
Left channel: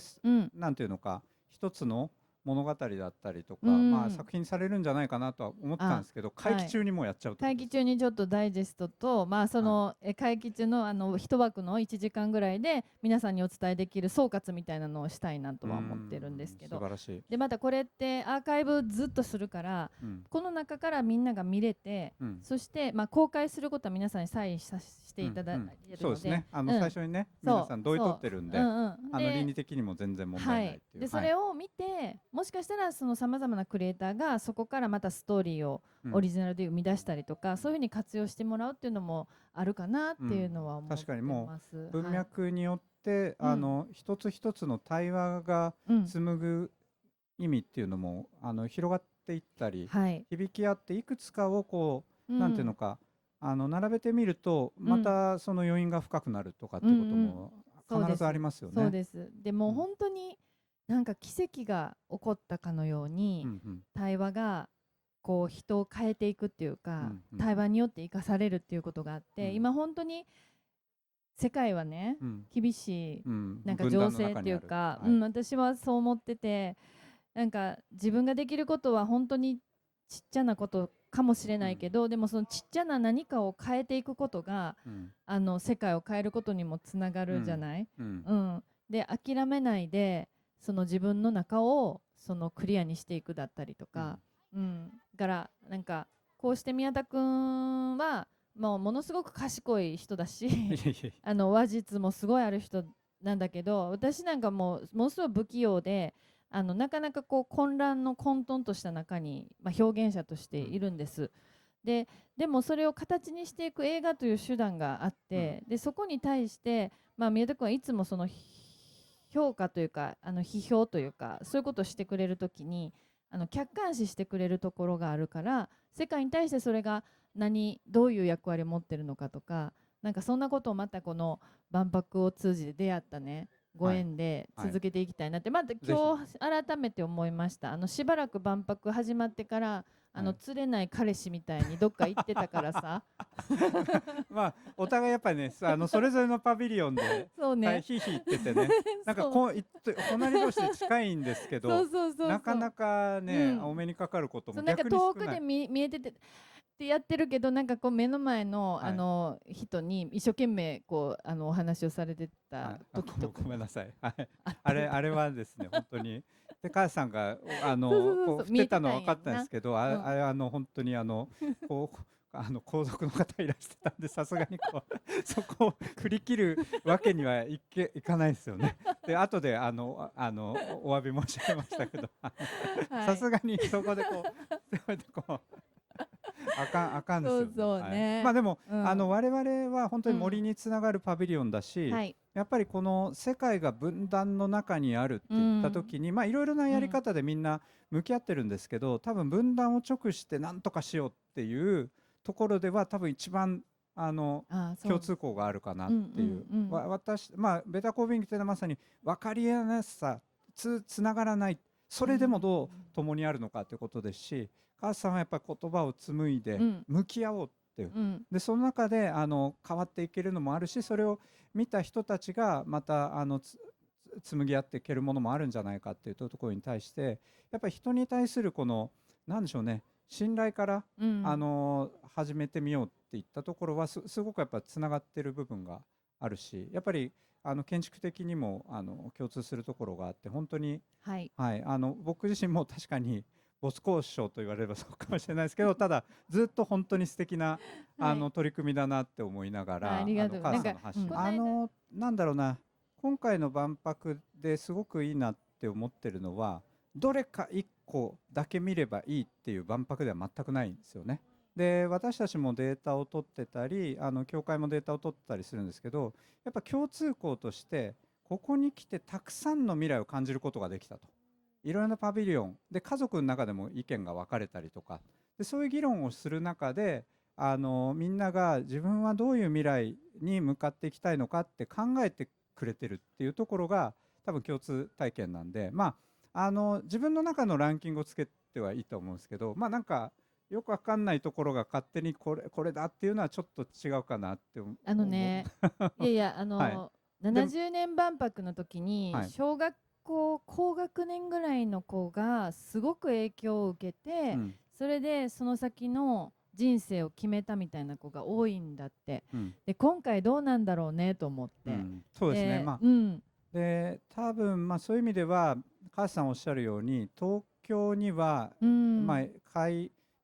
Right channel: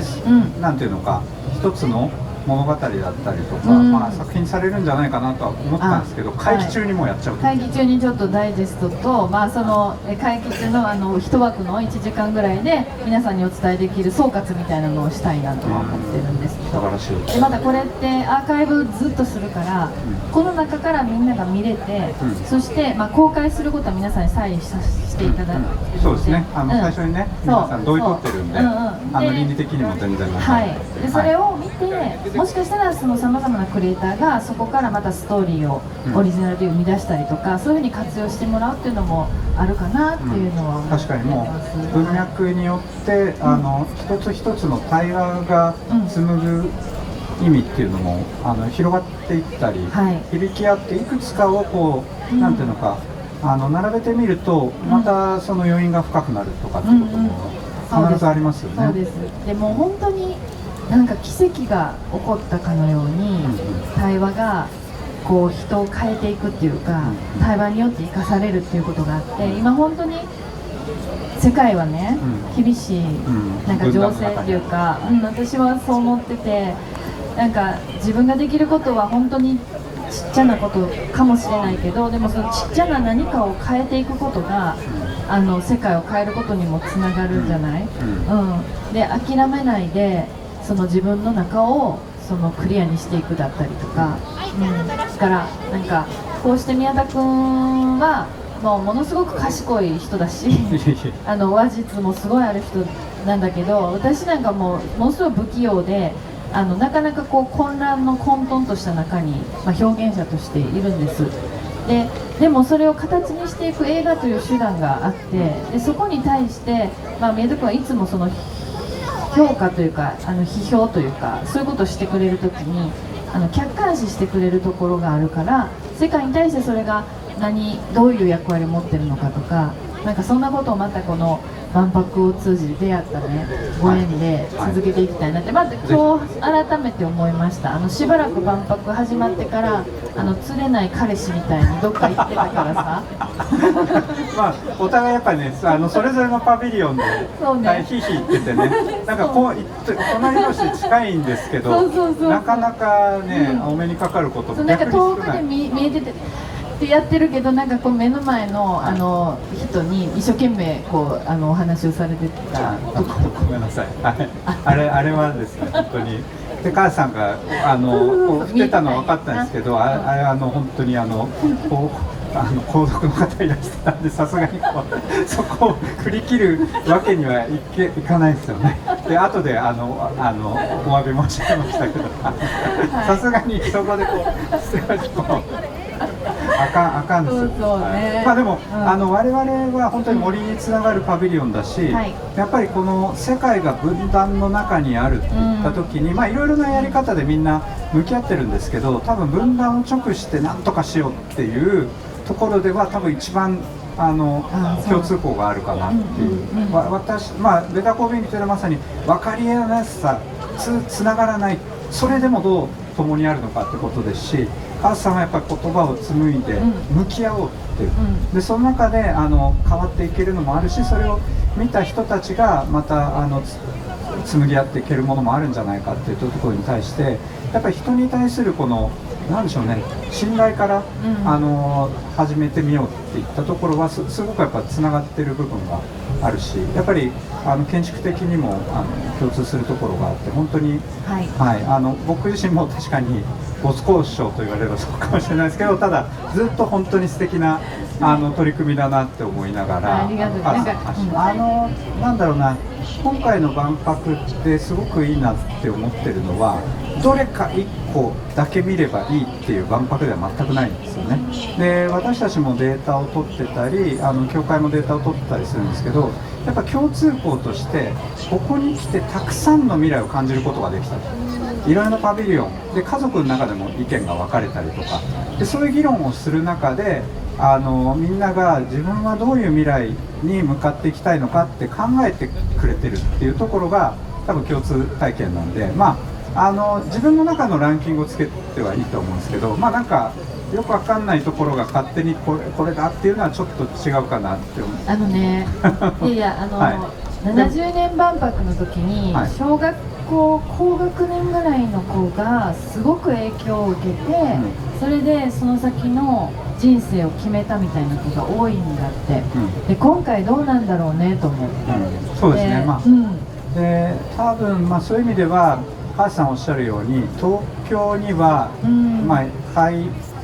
なんていうのか一つの物語だったりとか、作品されるんじゃないかなとは思ったんですけど、会期中にもやっちゃう。会期中にちょっとダイジェストと、その会期中の一枠の1時間ぐらいで皆さんにお伝えできる総括みたいなのをしたいなとは思ってるんですけど、素晴らしい。でまたこれってアーカイブずっとするから、この中からみんなが見れて、そして、公開することは皆さんにサインさせていただいて、そうですね。最初にね、皆さん同意取ってるんで、倫理的にも全然でそれを見て、もしかしたらそのさまざまなクリエイターがそこからまたストーリーをオリジナルで生み出したりとか、そういうふうに活用してもらうっていうのもあるかなっていうのは思ってます。確かにもう文脈によって一つ一つの対話が紡ぐ意味っていうのも広がっていったり、響き合っていくつかをこう、なんていうのか並べてみるとまたその余韻が深くなるとかっていうことも必ずありますよね。そうです。でも本当になんか奇跡が起こったかのように、対話がこう人を変えていくっていうか、対話によって生かされるっていうことがあって、今本当に世界はね、厳しいなんか情勢っていうか、私はそう思ってて、なんか自分ができることは本当にちっちゃなことかもしれないけど、でもそのちっちゃな何かを変えていくことが世界を変えることにもつながるんじゃない、で諦めないでその自分の中をそのクリアにしていくだったりとか、だからなんかこうして宮田君はものすごく賢い人だし話術もすごいある人なんだけど、私なんかものすごい不器用でなかなかこう混乱の混沌とした中に、表現者としているんです。でもそれを形にしていく映画という手段があって、でそこに対して、宮田君はいつもその評価というか批評というか、そういうことをしてくれるときに客観視してくれるところがあるから、世界に対してそれがどういう役割を持ってるのかとか、なんかそんなことをまたこの万博を通じて出会ったねご縁で続けていきたいなって、まず今日改めて思いました。しばらく万博始まってから釣れない彼氏みたいにどっか行ってたからさお互いやっぱりねそれぞれのパビリオンでヒーヒー言っててね、なんかこう隣同士で近いんですけど、なかなかね、お目にかかることも逆に少ない。なんか遠くで見えててってやってるけど、なんかこう目の前の人に一生懸命こうお話をされてた。ごめんなさい。あれはですね、本当にで母さんがこう振ってたの分かったんですけど、あれ本当にこう皇族の方いらしてたんで、さすがにこうそこを振り切るわけにはいかないですよね。で後でお詫び申し上げましたけど、さすがにそこでこうあかんですよ。でも我々は本当に森につながるパビリオンだし、やっぱりこの世界が分断の中にあるって言った時に、いろいろなやり方でみんな向き合ってるんですけど、多分分断を直して何とかしようっていうところでは多分一番共通項があるかなっていう。ベタコービングというのはまさに分かりやすさ、つながらない、それでもどう共にあるのかってことですし、母さんはやっぱり言葉を紡いで向き合おうっていう、でその中で変わっていけるのもあるし、それを見た人たちがまた紡ぎ合っていけるものもあるんじゃないかっていうところに対して、やっぱり人に対するこのなんでしょうね、信頼から、始めてみようっていったところはすごくやっぱつながってる部分があるし、やっぱり建築的にも共通するところがあって、本当に、僕自身も確かに没交渉と言われればそうかもしれないですけど、ただずっと本当に素敵な取り組みだなって思いながら、ありがとう。なんだろうな、今回の万博ってすごくいいなって思ってるのは、どれか1個だけ見ればいいっていう万博では全くないんですよね。で、私たちもデータを取ってたり、協会もデータを取ってたりするんですけど、やっぱ共通項としてここに来てたくさんの未来を感じることができた。いろいろなパビリオンで家族の中でも意見が分かれたりとかで、そういう議論をする中でみんなが自分はどういう未来に向かっていきたいのかって考えてくれてるっていうところが多分共通体験なんで、自分の中のランキングをつけてはいいと思うんですけど、なんかよくわかんないところが勝手にこれだっていうのはちょっと違うかなって思う。いや70年万博の時に小学校高学年ぐらいの子がすごく影響を受けて、それでその先の人生を決めたみたいな子が多いんだって、で今回どうなんだろうねと思って。そうですね、で多分そういう意味では母さんおっしゃるように東京には、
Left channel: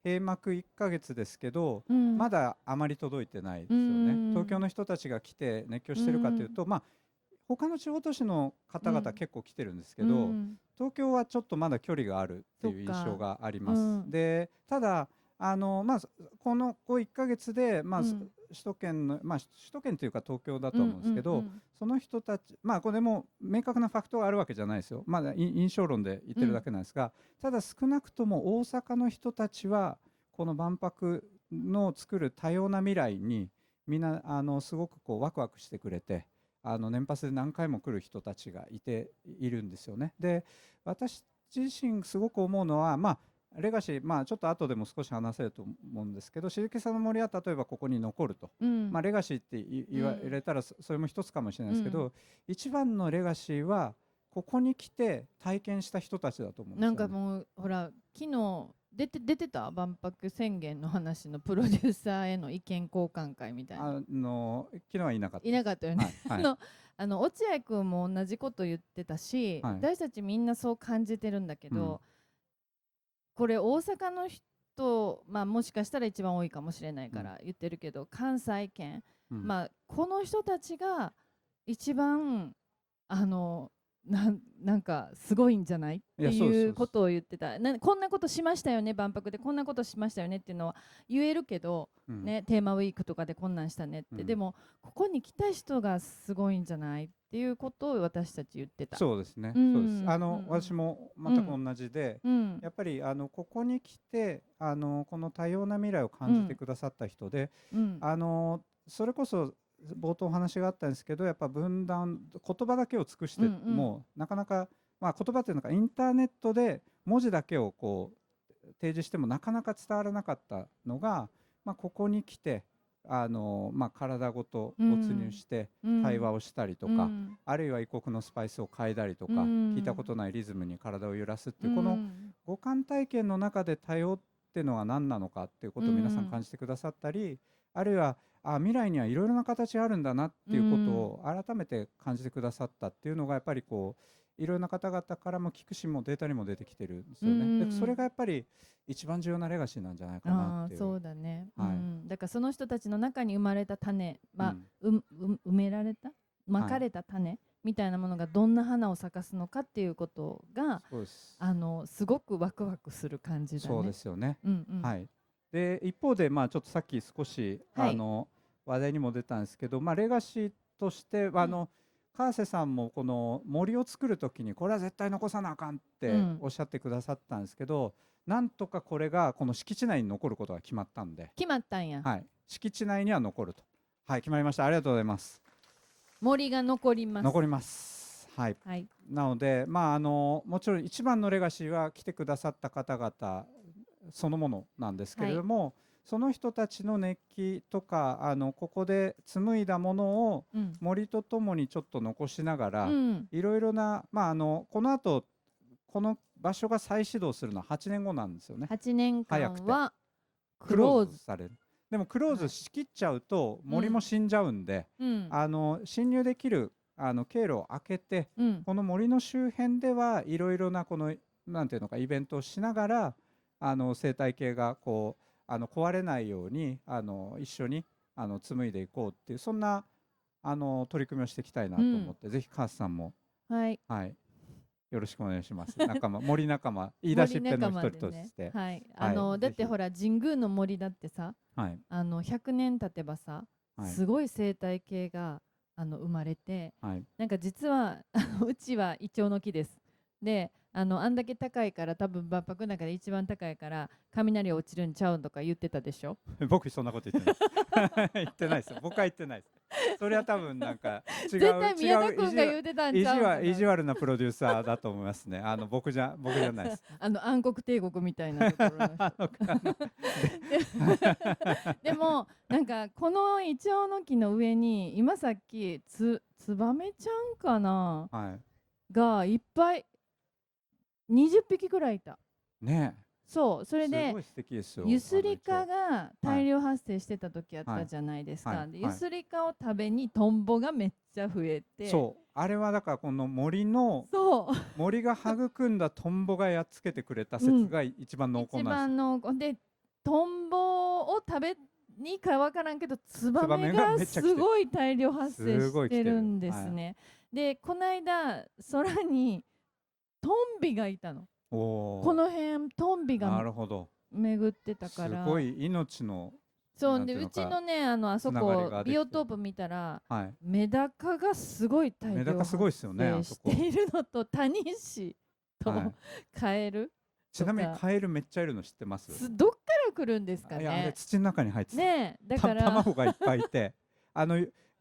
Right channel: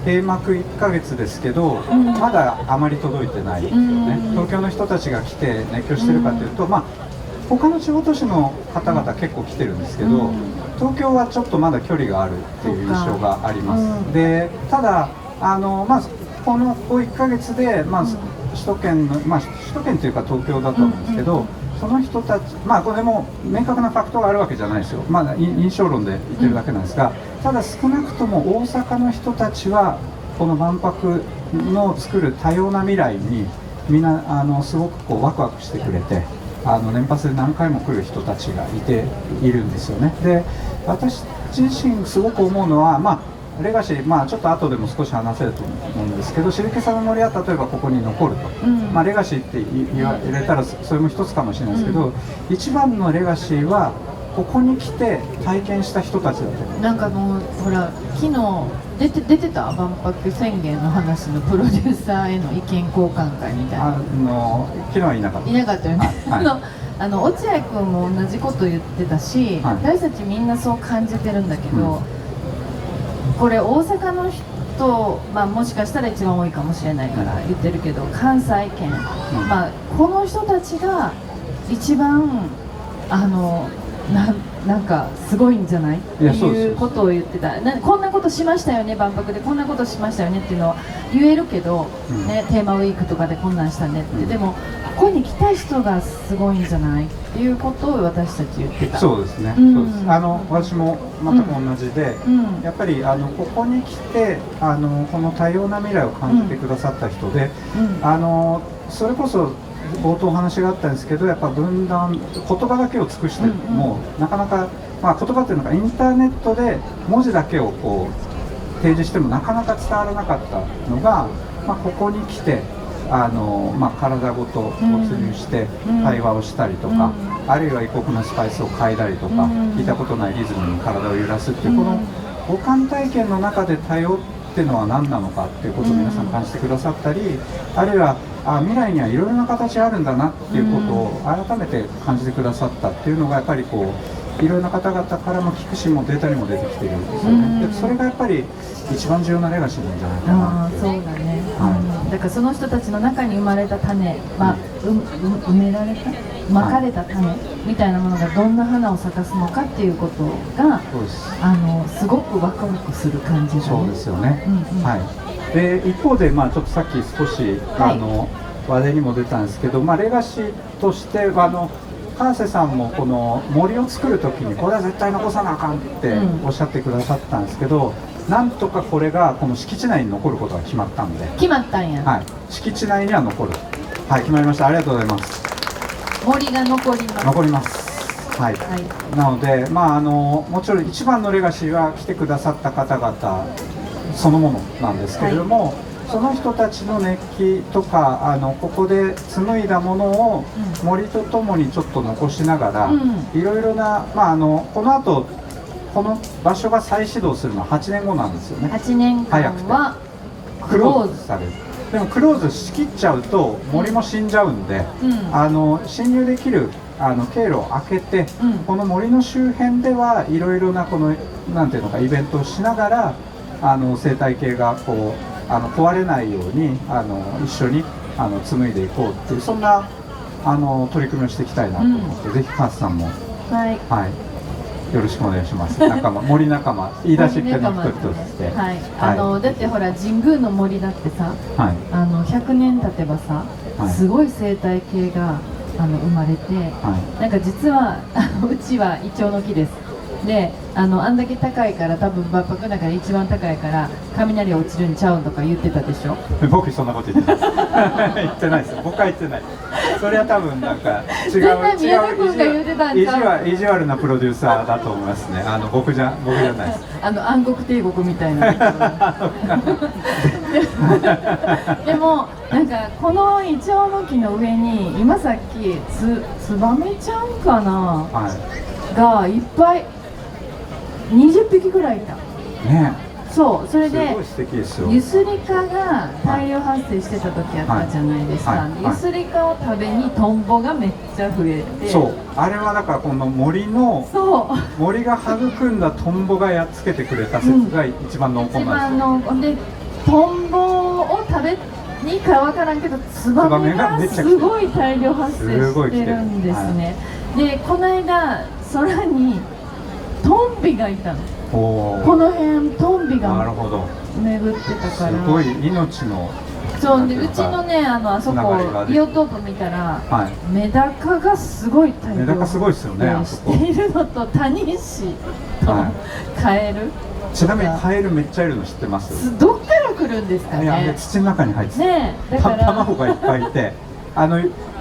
閉幕1ヶ月ですけど、まだあまり届いてないですよね。東京の人たちが来て熱狂してるかというと、他の地方都市の方々結構来てるんですけど、東京はちょっとまだ距離があるっていう印象があります。で、ただこの1ヶ月で、首都圏の、首都圏というか東京だと思うんですけど、その人たち、これも明確なファクトがあるわけじゃないですよ、印象論で言ってるだけなんですが、ただ少なくとも大阪の人たちはこの万博の作る多様な未来にみんなすごくワクワクしてくれて、年パスで何回も来る人たちがいるんですよね。で、私自身すごく思うのは、レガシー、ちょっと後でも少し話せると思うんですけど、シルケサの森は例えばここに残ると、レガシーって言われたらそれも一つかもしれないですけど、一番のレガシーはここに来て体験した人たちだと思う。なんかほら昨日出てた万博宣言の話のプロデューサーへの意見交換会みたいな。昨日はいなかった。いなかったよね。落合君も同じこと言ってたし、私たちみんなそう感じてるんだけど、これ大阪の人、もしかしたら一番多いかもしれないから言ってるけど、関西圏、この人たちが一番なんかすごいんじゃないっていうことを言ってた。こんなことしましたよね、万博でこんなことしましたよねっていうのは言えるけど、テーマウィークとかでこんなんしたねって、でもここに来た人がすごいんじゃないっていうことを私たち言ってた。そうですね、そうです。私も全く同じで、やっぱりここに来てこの多様な未来を感じてくださった人で、それこそ冒頭お話があったんですけど、やっぱ分断、言葉だけを尽くしても、なかなか、言葉っていうのがインターネットで文字だけを提示してもなかなか伝わらなかったのが、ここに来て体ごと没入して対話をしたりとか、あるいは異国のスパイスを嗅いだりとか、聞いたことないリズムに体を揺らすっていう、この五感体験の中で多様っていうのは何なのかっていうことを皆さん感じてくださったり、あるいは未来にはいろいろな形あるんだなっていうことを改めて感じてくださったっていうのが、やっぱりいろいろな方々からも聞くしもデータにも出てきているんですよね。でそれがやっぱり一番重要なレガシーなんじゃないかなって。そうだね、だからその人たちの中に生まれた種は、埋められたまかれた種みたいなものがどんな花を咲かすのかっていうことが、すごくワクワクする感じが、そうですよね。で一方で、ちょっとさっき少し話題にも出たんですけど、レガシーとしては川瀬さんもこの森を作るときにこれは絶対残さなあかんっておっしゃってくださったんですけど、なんとかこれがこの敷地内に残ることが決まったんで。決まったんや。敷地内には残る。決まりました。ありがとうございます。森が残ります。残ります。なので、もちろん一番のレガシーは来てくださった方々そのものなんですけれども、その人たちの熱気とかここで紡いだものを森とともにちょっと残しながら、いろいろな、この後この場所が再始動するのは8年後なんですよね。8年間はクローズされる。でもクローズしきっちゃうと森も死んじゃうんで、侵入できる経路を開けて、この森の周辺ではいろいろななんていうのかイベントをしながら生態系がこう壊れないように一緒に紡いでいこうっていう、そんな取り組みをしていきたいなと思って、ぜひカースさんも、はい、はい、よろしくお願いします。仲間、森仲間、言い出しっぺの一人として。はい、だってほら神宮の森だってさ、はい、100年経てばさ、はい、すごい生態系が生まれて、はい、なんか実はうちはイチョウの木です。であんだけ高いから多分万博の中で一番高いから雷落ちるんちゃうんとか言ってたでしょ。僕そんなこと言ってない言ってないですよ。僕は言ってない。それは多分なんか違う意地悪なプロデューサーだと思いますね。僕じゃないです。暗黒帝国みたいなでもなんかこのイチョウの木の上に今さっきツバメちゃんかな、はい、がいっぱい20匹ぐらいいたね。そう、それでユスリカが大量発生してた時あったじゃないですか。ユスリカを食べにトンボがめっちゃ増えて、そう、あれはだからこの森が育んだトンボがやっつけてくれた説が一番濃厚なんですよ。でトンボを食べにかわからんけどツバメがすごい大量発生してるんですね。でこの間空にトンビがいたの。この辺トンビが巡ってたから、すごい命の。そうで、うちのねあそこビオトープ見たら、はい、メダカがすごい大量しているのとタニシと、はい、カエル。ちなみにカエルめっちゃいるの知ってます？どっから来るんですかね。いや土の中に入ってね、卵がいっぱいいて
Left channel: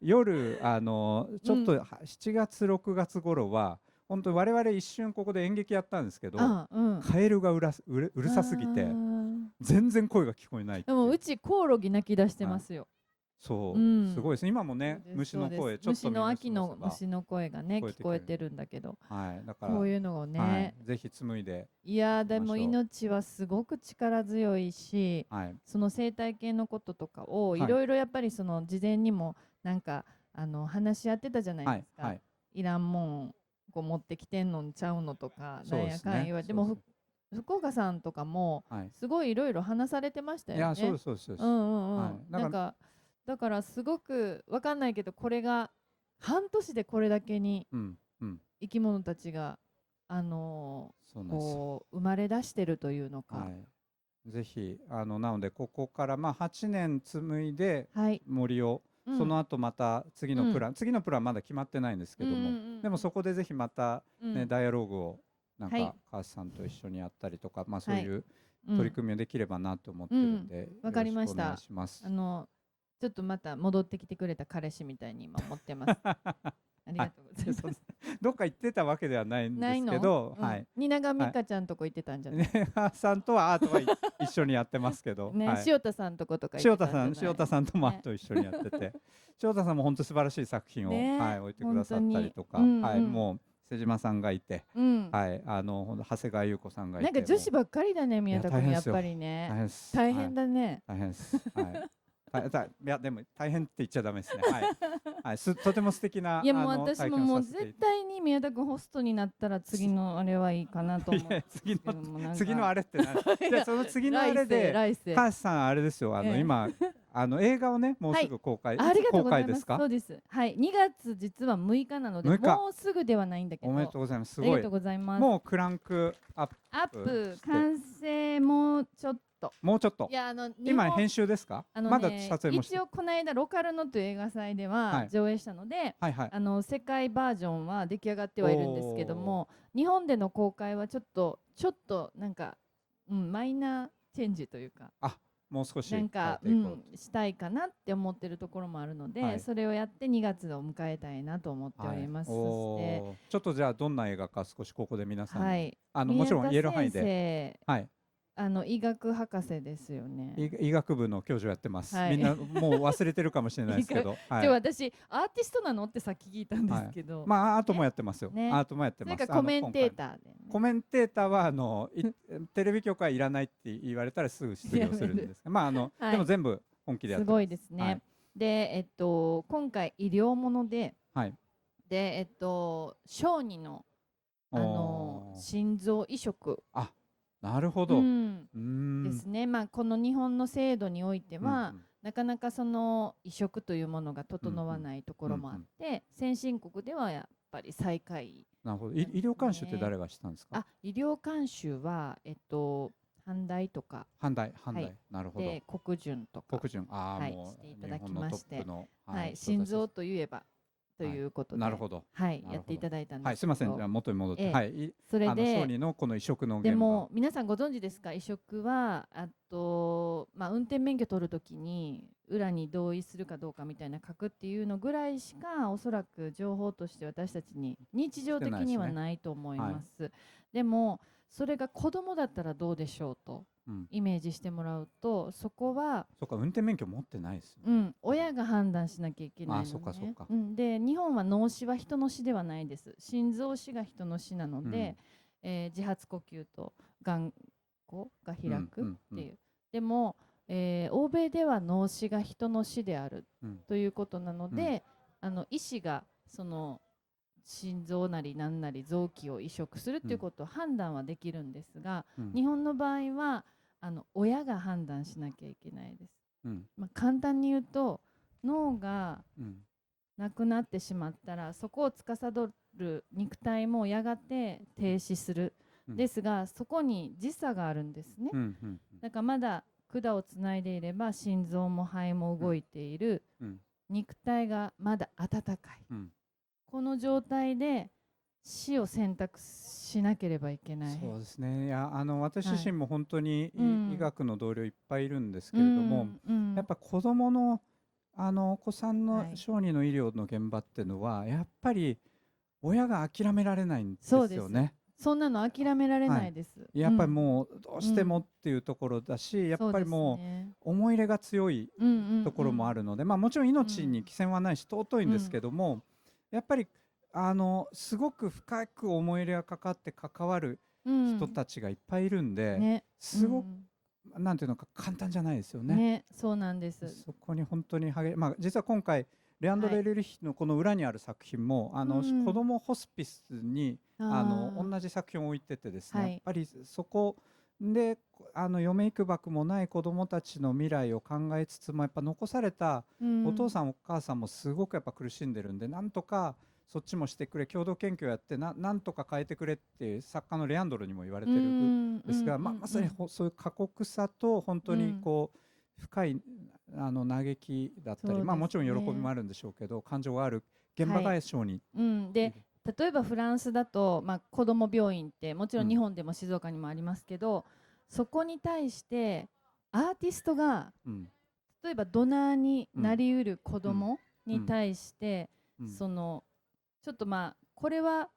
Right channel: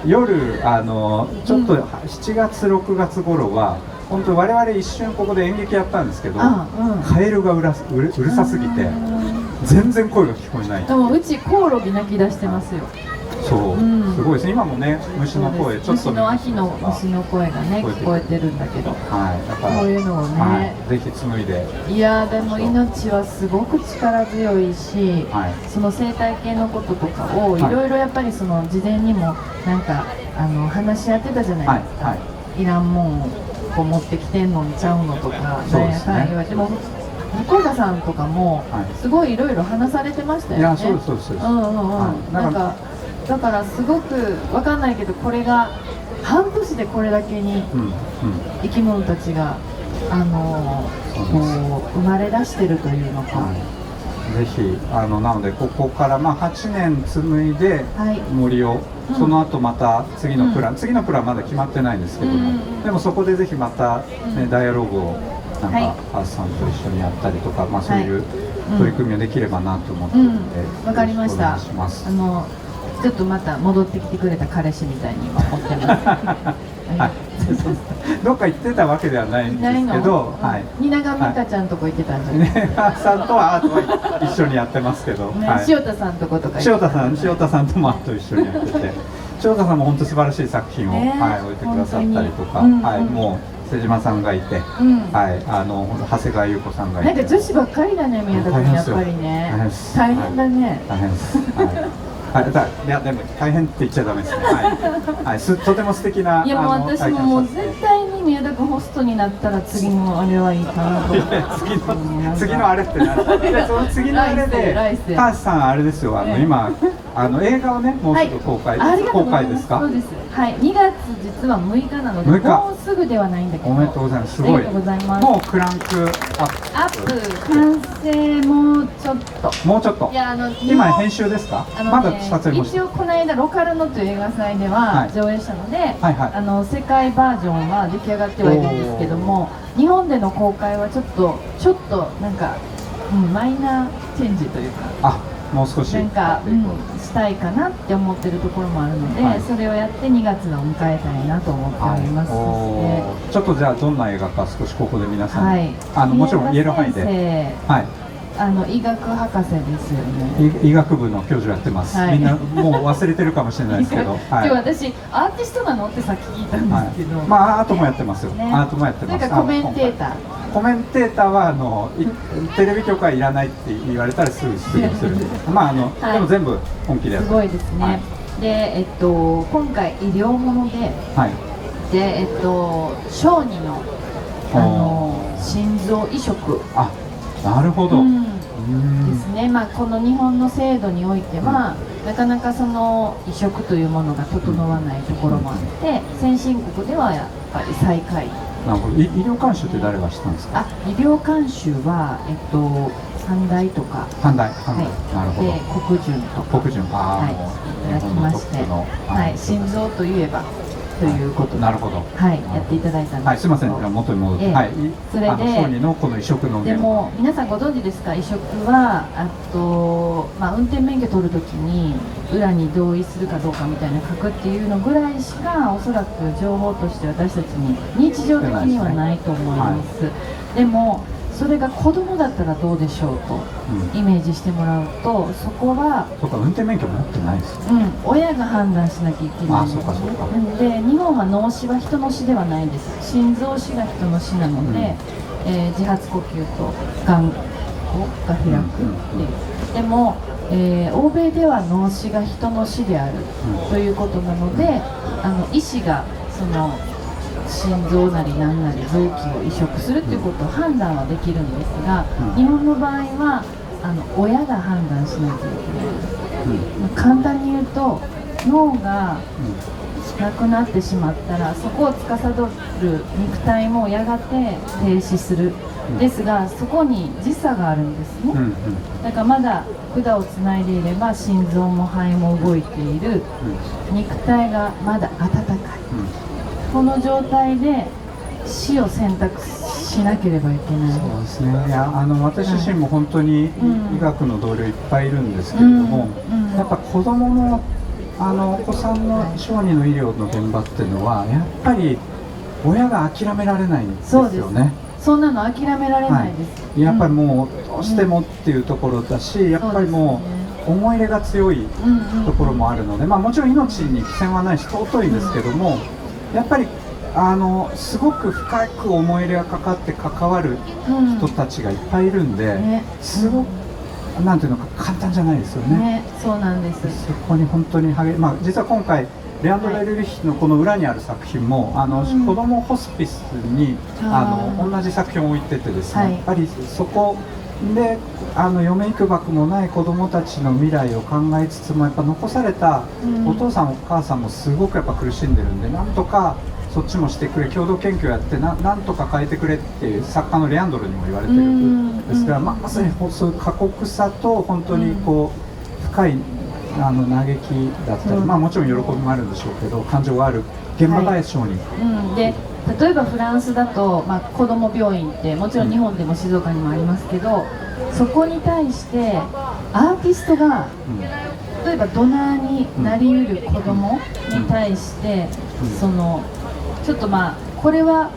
夜ちょっと7月6月頃は本当我々一瞬ここで演劇やったんですけど、カエルがうるさすぎて全然声が聞こえない。でもうちコオロギ鳴き出してますよ。そう、すごいです。今もね虫の声、ちょっと虫の秋の虫の声がね聞こえてるんだけど、はい、だからこういうのをね、ぜひ紡いで。いやでも命はすごく力強いし、その生態系のこととかをいろいろやっぱりその事前にもなんか話し合ってたじゃないですか。いらんもんこう持ってきてんのんちゃうのとか、なんやかん言われても。向田さんとかもすごいいろいろ話されてましたよね。いや、そうですそうです。なんかだからすごくわかんないけど、これが半年でこれだけに生き物たちがこう生まれ出してるというのか。ぜひなのでここから8年紡いで森を、その後また次のプランまだ決まってないんですけども、でもそこでぜひまたねダイアログをなんかハースさんと一緒にやったりとか、そういう取り組みをできればなと思っているので、わかりました。ちょっとまた戻ってきてくれた彼氏みたいに今思ってます。どっか行ってたわけではないんですけど、蜷川美香ちゃんとこ行ってたんじゃないですか。さんとはアートは一緒にやってますけど、塩田さんとことか。塩田さんともアート一緒にやってて、塩田さんも本当素晴らしい作品を置いてくださったりとか、もう瀬島さんがいて、長谷川優子さんがいて、なんか女子ばっかりだね、宮田君やっぱりね。大変だね。大変です。いやでも大変って言っちゃダメですね。はい、とても素敵な。いやもう私も絶対に宮田君ホストになったら次のあれはいいかなと。次のあれってな。その次のあれでカースさんあれですよ。今映画をねもうすぐ公開ですか？そうです。はい、2月実は6日なのでもうすぐではないんだけど。おめでとうございます。すごい。ありがとうございます。もうクランクアップ完成もうちょっと。もうちょっと。いや今編集ですか？まだ撮影も。一応この間ロカルノという映画祭では上映したので、世界バージョンは出来上がってはいるんですけども、日本での公開はちょっとなんか、マイナーチェンジというか、もう少しなんか、したいかなって思ってるところもあるので、それをやって2月を迎えたいなと思っておりますので、ちょっとじゃあどんな映画か少しここで皆さんに、もちろん言える範囲で。医学博士ですよね。医学部の教授やってます。みんなもう忘れてるかもしれないですけど。私アーティストなのってさっき聞いたんですけど。アートもやってますよ。アートもやってます。なんかコメンテーター。コメンテーターはテレビ局はいらないって言われたらすぐするんで、でも全部本気でやってます。すごいですね。で今回医療もので、小児の心臓移植。なるほど。ですね。まあこの日本の制度においては、なかなかその移植というものが整わないところもあって、先進国ではやっぱり最下位。なるほど。医療監修って誰がしたんですか？医療監修は阪大とか、阪大、なるほど。で国順とか、国順、いただきまして、心臓といえばということで、なるほど。やっていただいたんです。はい、すみません、元に戻って、それで小児のこの移植の。でも皆さんご存知ですか？移植は運転免許取るときに裏に同意するかどうかみたいな書くっていうのぐらいしかおそらく情報として私たちに日常的にはないと思います。でもそれが子供だったらどうでしょうとイメージしてもらうと、そこは運転免許持ってないですよ、親が判断しなきゃいけない。で日本は脳死は人の死ではないです。心臓死が人の死なので、自発呼吸とがんが開くっていう。でも、欧米では脳死が人の死であるということなので、医師がその心臓なり何なり臓器を移植するということを判断はできるんですが、日本の場合は親が判断しなきゃいけない。簡単に言うと脳がなくなってしまったらそこを司る肉体もやがて停止する。ですがそこに時差があるんですね。だからまだ管をつないでいれば心臓も肺も動いている、肉体がまだ温かい、この状態で死を選択しなければいけない。そうですね。いや私自身も本当に医学の同僚いっぱいいるんですけれども、やっぱ子供のお子さんの小児の医療の現場っていうのはやっぱり親が諦められないんですよね。そんなの諦められないです。やっぱりもうどうしてもっていうところだし、やっぱりもう思い入れが強いところもあるので、もちろん命に貴賤はないし尊いんですけども、やっぱりすごく深く思い入れがかかって関わる人たちがいっぱいいるんで、すごくなんていうのか簡単じゃないですよね。そうなんです。そこに本当に実は今回レアンドロ・エルリッヒのこの裏にある作品も子どもホスピスに同じ作品を置いててですね、やっぱりそこで嫁いくばくもない子どもたちの未来を考えつつもやっぱ残されたお父さんお母さんもすごくやっぱ苦しんでるんで、なんとかそっちもしてくれ、共同研究やってなんとか変えてくれっていう作家のレアンドロにも言われてるんですが、まさにそういう過酷さと本当にこう深い嘆きだったり、もちろん喜びもあるんでしょうけど感情がある現場が小児、で例えばフランスだと、子ども病院ってもちろん日本でも静岡にもありますけど、そこに対してアーティストが、例えばドナーになりうる子どもに対して、そのちょっとこれは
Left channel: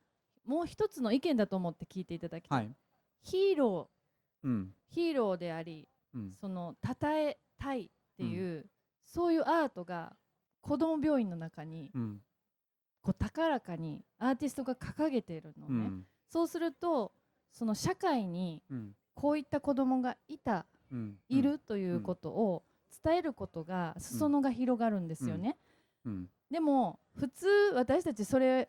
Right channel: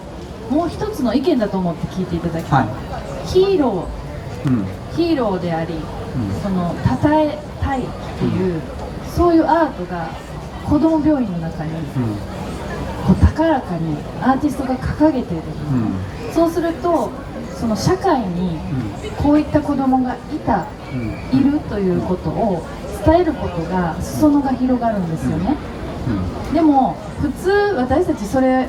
もう一つの意見だと思って聞いていただきたい、ヒーローであり、その称えたいっていう、そういうアートが子ども病院の中に、高らかにアーティストが掲げている、そうするとその社会にこういった子どもがいるということを伝えることが裾野が広がるんですよね。でも普通私たちそれ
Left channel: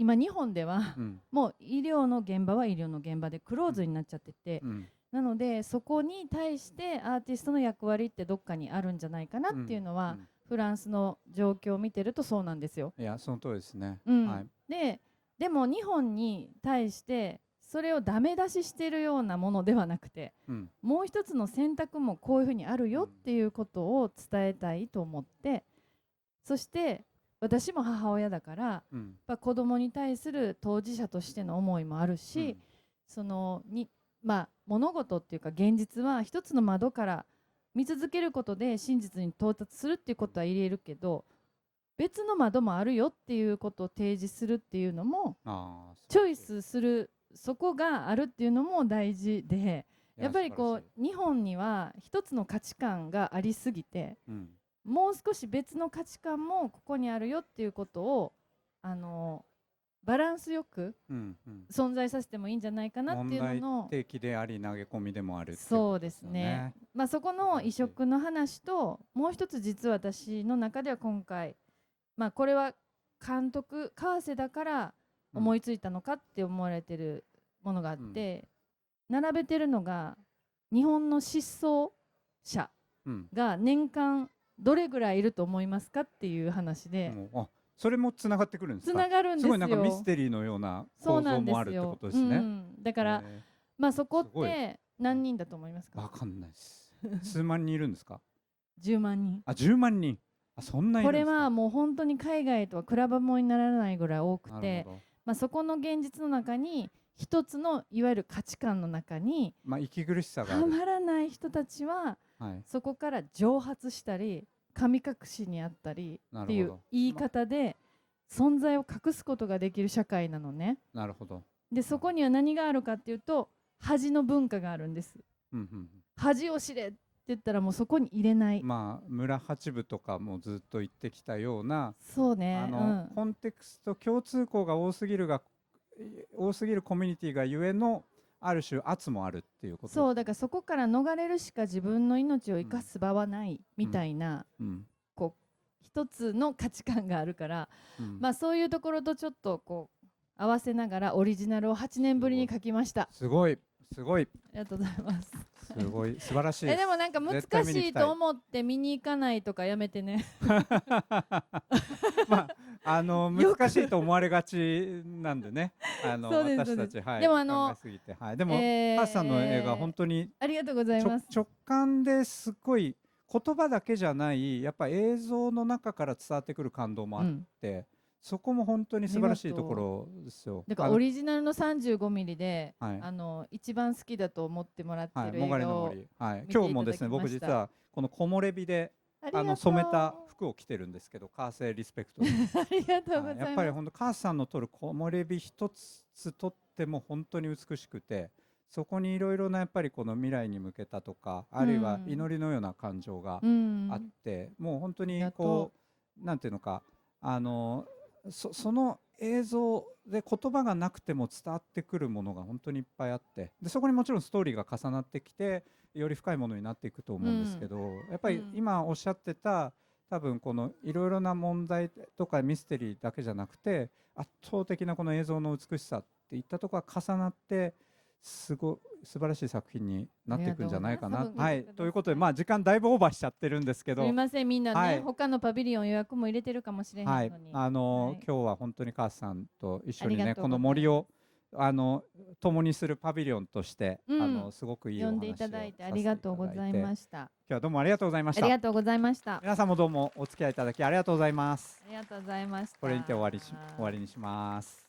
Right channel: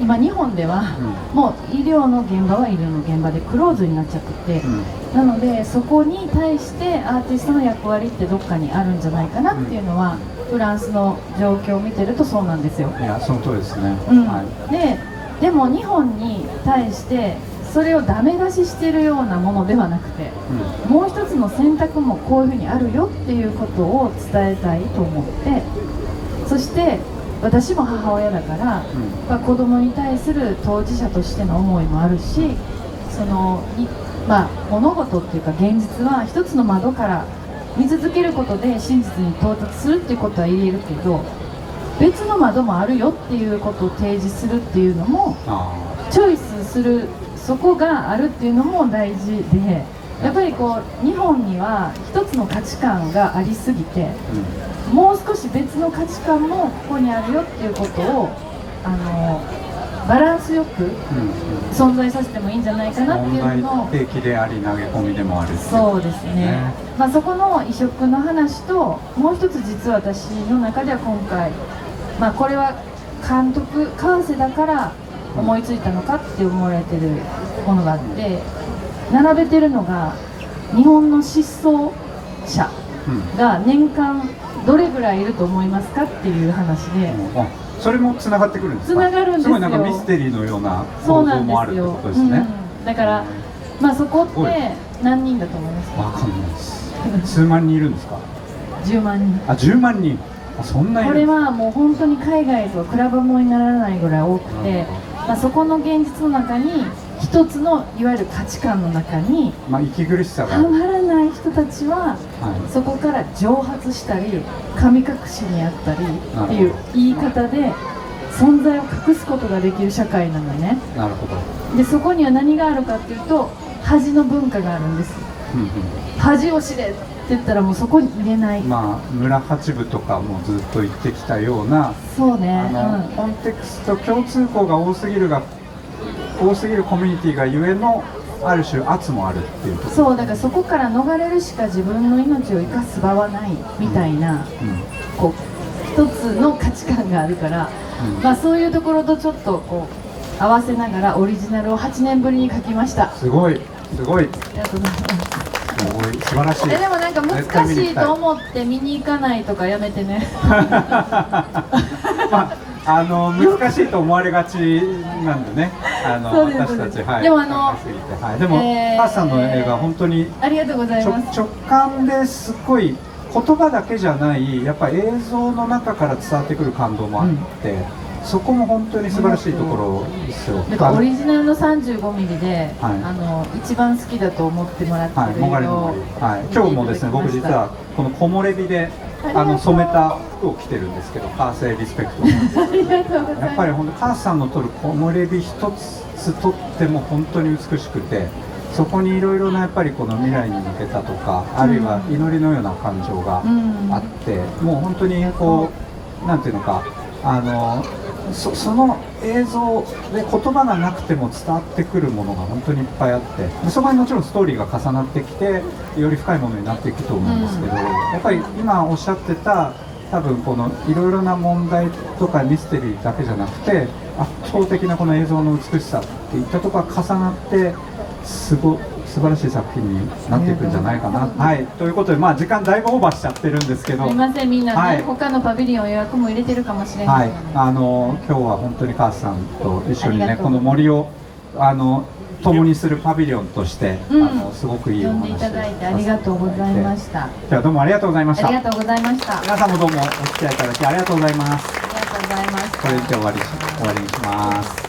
今日本ではもう医療の現場は医療の現場でクローズになっちゃってて、なのでそこに対してアーティストの役割ってどっかにあるんじゃないかなっていうのは、フランスの状況を見てるとそうなんですよ。いやその通りですね。でも日本に対してそれをダメ出ししてるようなものではなくて、もう一つの選択もこういうふうにあるよっていうことを伝えたいと思って、そして私も母親だから、子供に対する当事者としての思いもあるし、その物事っていうか現実は一つの窓から見続けることで真実に到達するっていうことは言えるけど、別の窓もあるよっていうことを提示するっていうのも、チョイスするそこがあるっていうのも大事で、やっぱりこう日本には一つの価値観がありすぎて、もう少し別の価値観もここにあるよっていうことをバランスよく存在させてもいいんじゃないかなっていうのを、問題提起であり投げ込みでもある。そうですね。そこの移植の話と、もう一つ実は私の中では今回、これは監督川瀬だから思いついたのかって思われてるものがあって、並べてるのが日本の失踪者が年間どれぐらいいると思いますかっていう話で、それもつながってくるんですか？つながるんですよ。すごいなんかミステリーのような構造もあるってことですね。だからまあそこって何人だと思いますか？わかんないです。数万人いるんですか？10万人。あ、10万人。そんなに。これはもう本当に海外と比べ物にならないぐらい多くて、まあ、そこの現実の中に一つのいわゆる価値観の中に、まあ、息苦しさがたまらない人たちは、そこから蒸発したり神隠しにあったりっていう言い方で存在を隠すことができる社会なのね。なるほど。でそこには何があるかっていうと恥の文化があるんです。恥を知れって言ったらもうそこに入れない。まあ村八部とかもずっと言ってきたような、そうね、コンテクスト共通項が多すぎるコミュニティがゆえのある種圧もあるっていうこと。そうだからそこから逃れるしか自分の命を生かす場はないみたいな、こう一つの価値観があるから、まあそういうところとちょっとこう合わせながらオリジナルを8年ぶりに書きました。すごいすごい。ありがとうございます。すごい素晴らしい。でもなんか難しいと思って見に行かないとかやめてね。まあ難しいと思われがちなんでね。私たちでもでもカーさんの映画本当にありがとうございます。直感ですごい言葉だけじゃないやっぱり映像の中から伝わってくる感動もあって。そこも本当に素晴らしいところですよ。なんかオリジナルの35ミリで、一番好きだと思ってもらってる映画を、今日もですね、僕実はこの木漏れ日で染めた服を着てるんですけど、カーセイリスペクト。ありがとうございます。やっぱり本当カーさんの撮る木漏れ日一つ撮っても本当に美しくて、そこにいろいろなやっぱりこの未来に向けたとか、あるいは祈りのような感情があって、もう本当にこうなんていうのか。その映像で言葉がなくても伝わってくるものが本当にいっぱいあってでそこにもちろんストーリーが重なってきてより深いものになっていくと思うんですけど、やっぱり今おっしゃってた多分このいろいろな問題とかミステリーだけじゃなくて圧倒的なこの映像の美しさっていったところが重なって素晴らしい作品になっていくんじゃないかな。はい、ということで、まあ時間だいぶオーバーしちゃってるんですけど、すみません、みんなね、他のパビリオン予約も入れてるかもしれない。今日は本当にカーさんと一緒にね、この森を共にするパビリオンとして、すごくいいお話を呼んでいただいてありがとうございました。今日はどうもありがとうございました。ありがとうございました。皆さんもどうもお付き合いいただきありがとうございます。ありがとうございます。これで終わりにします。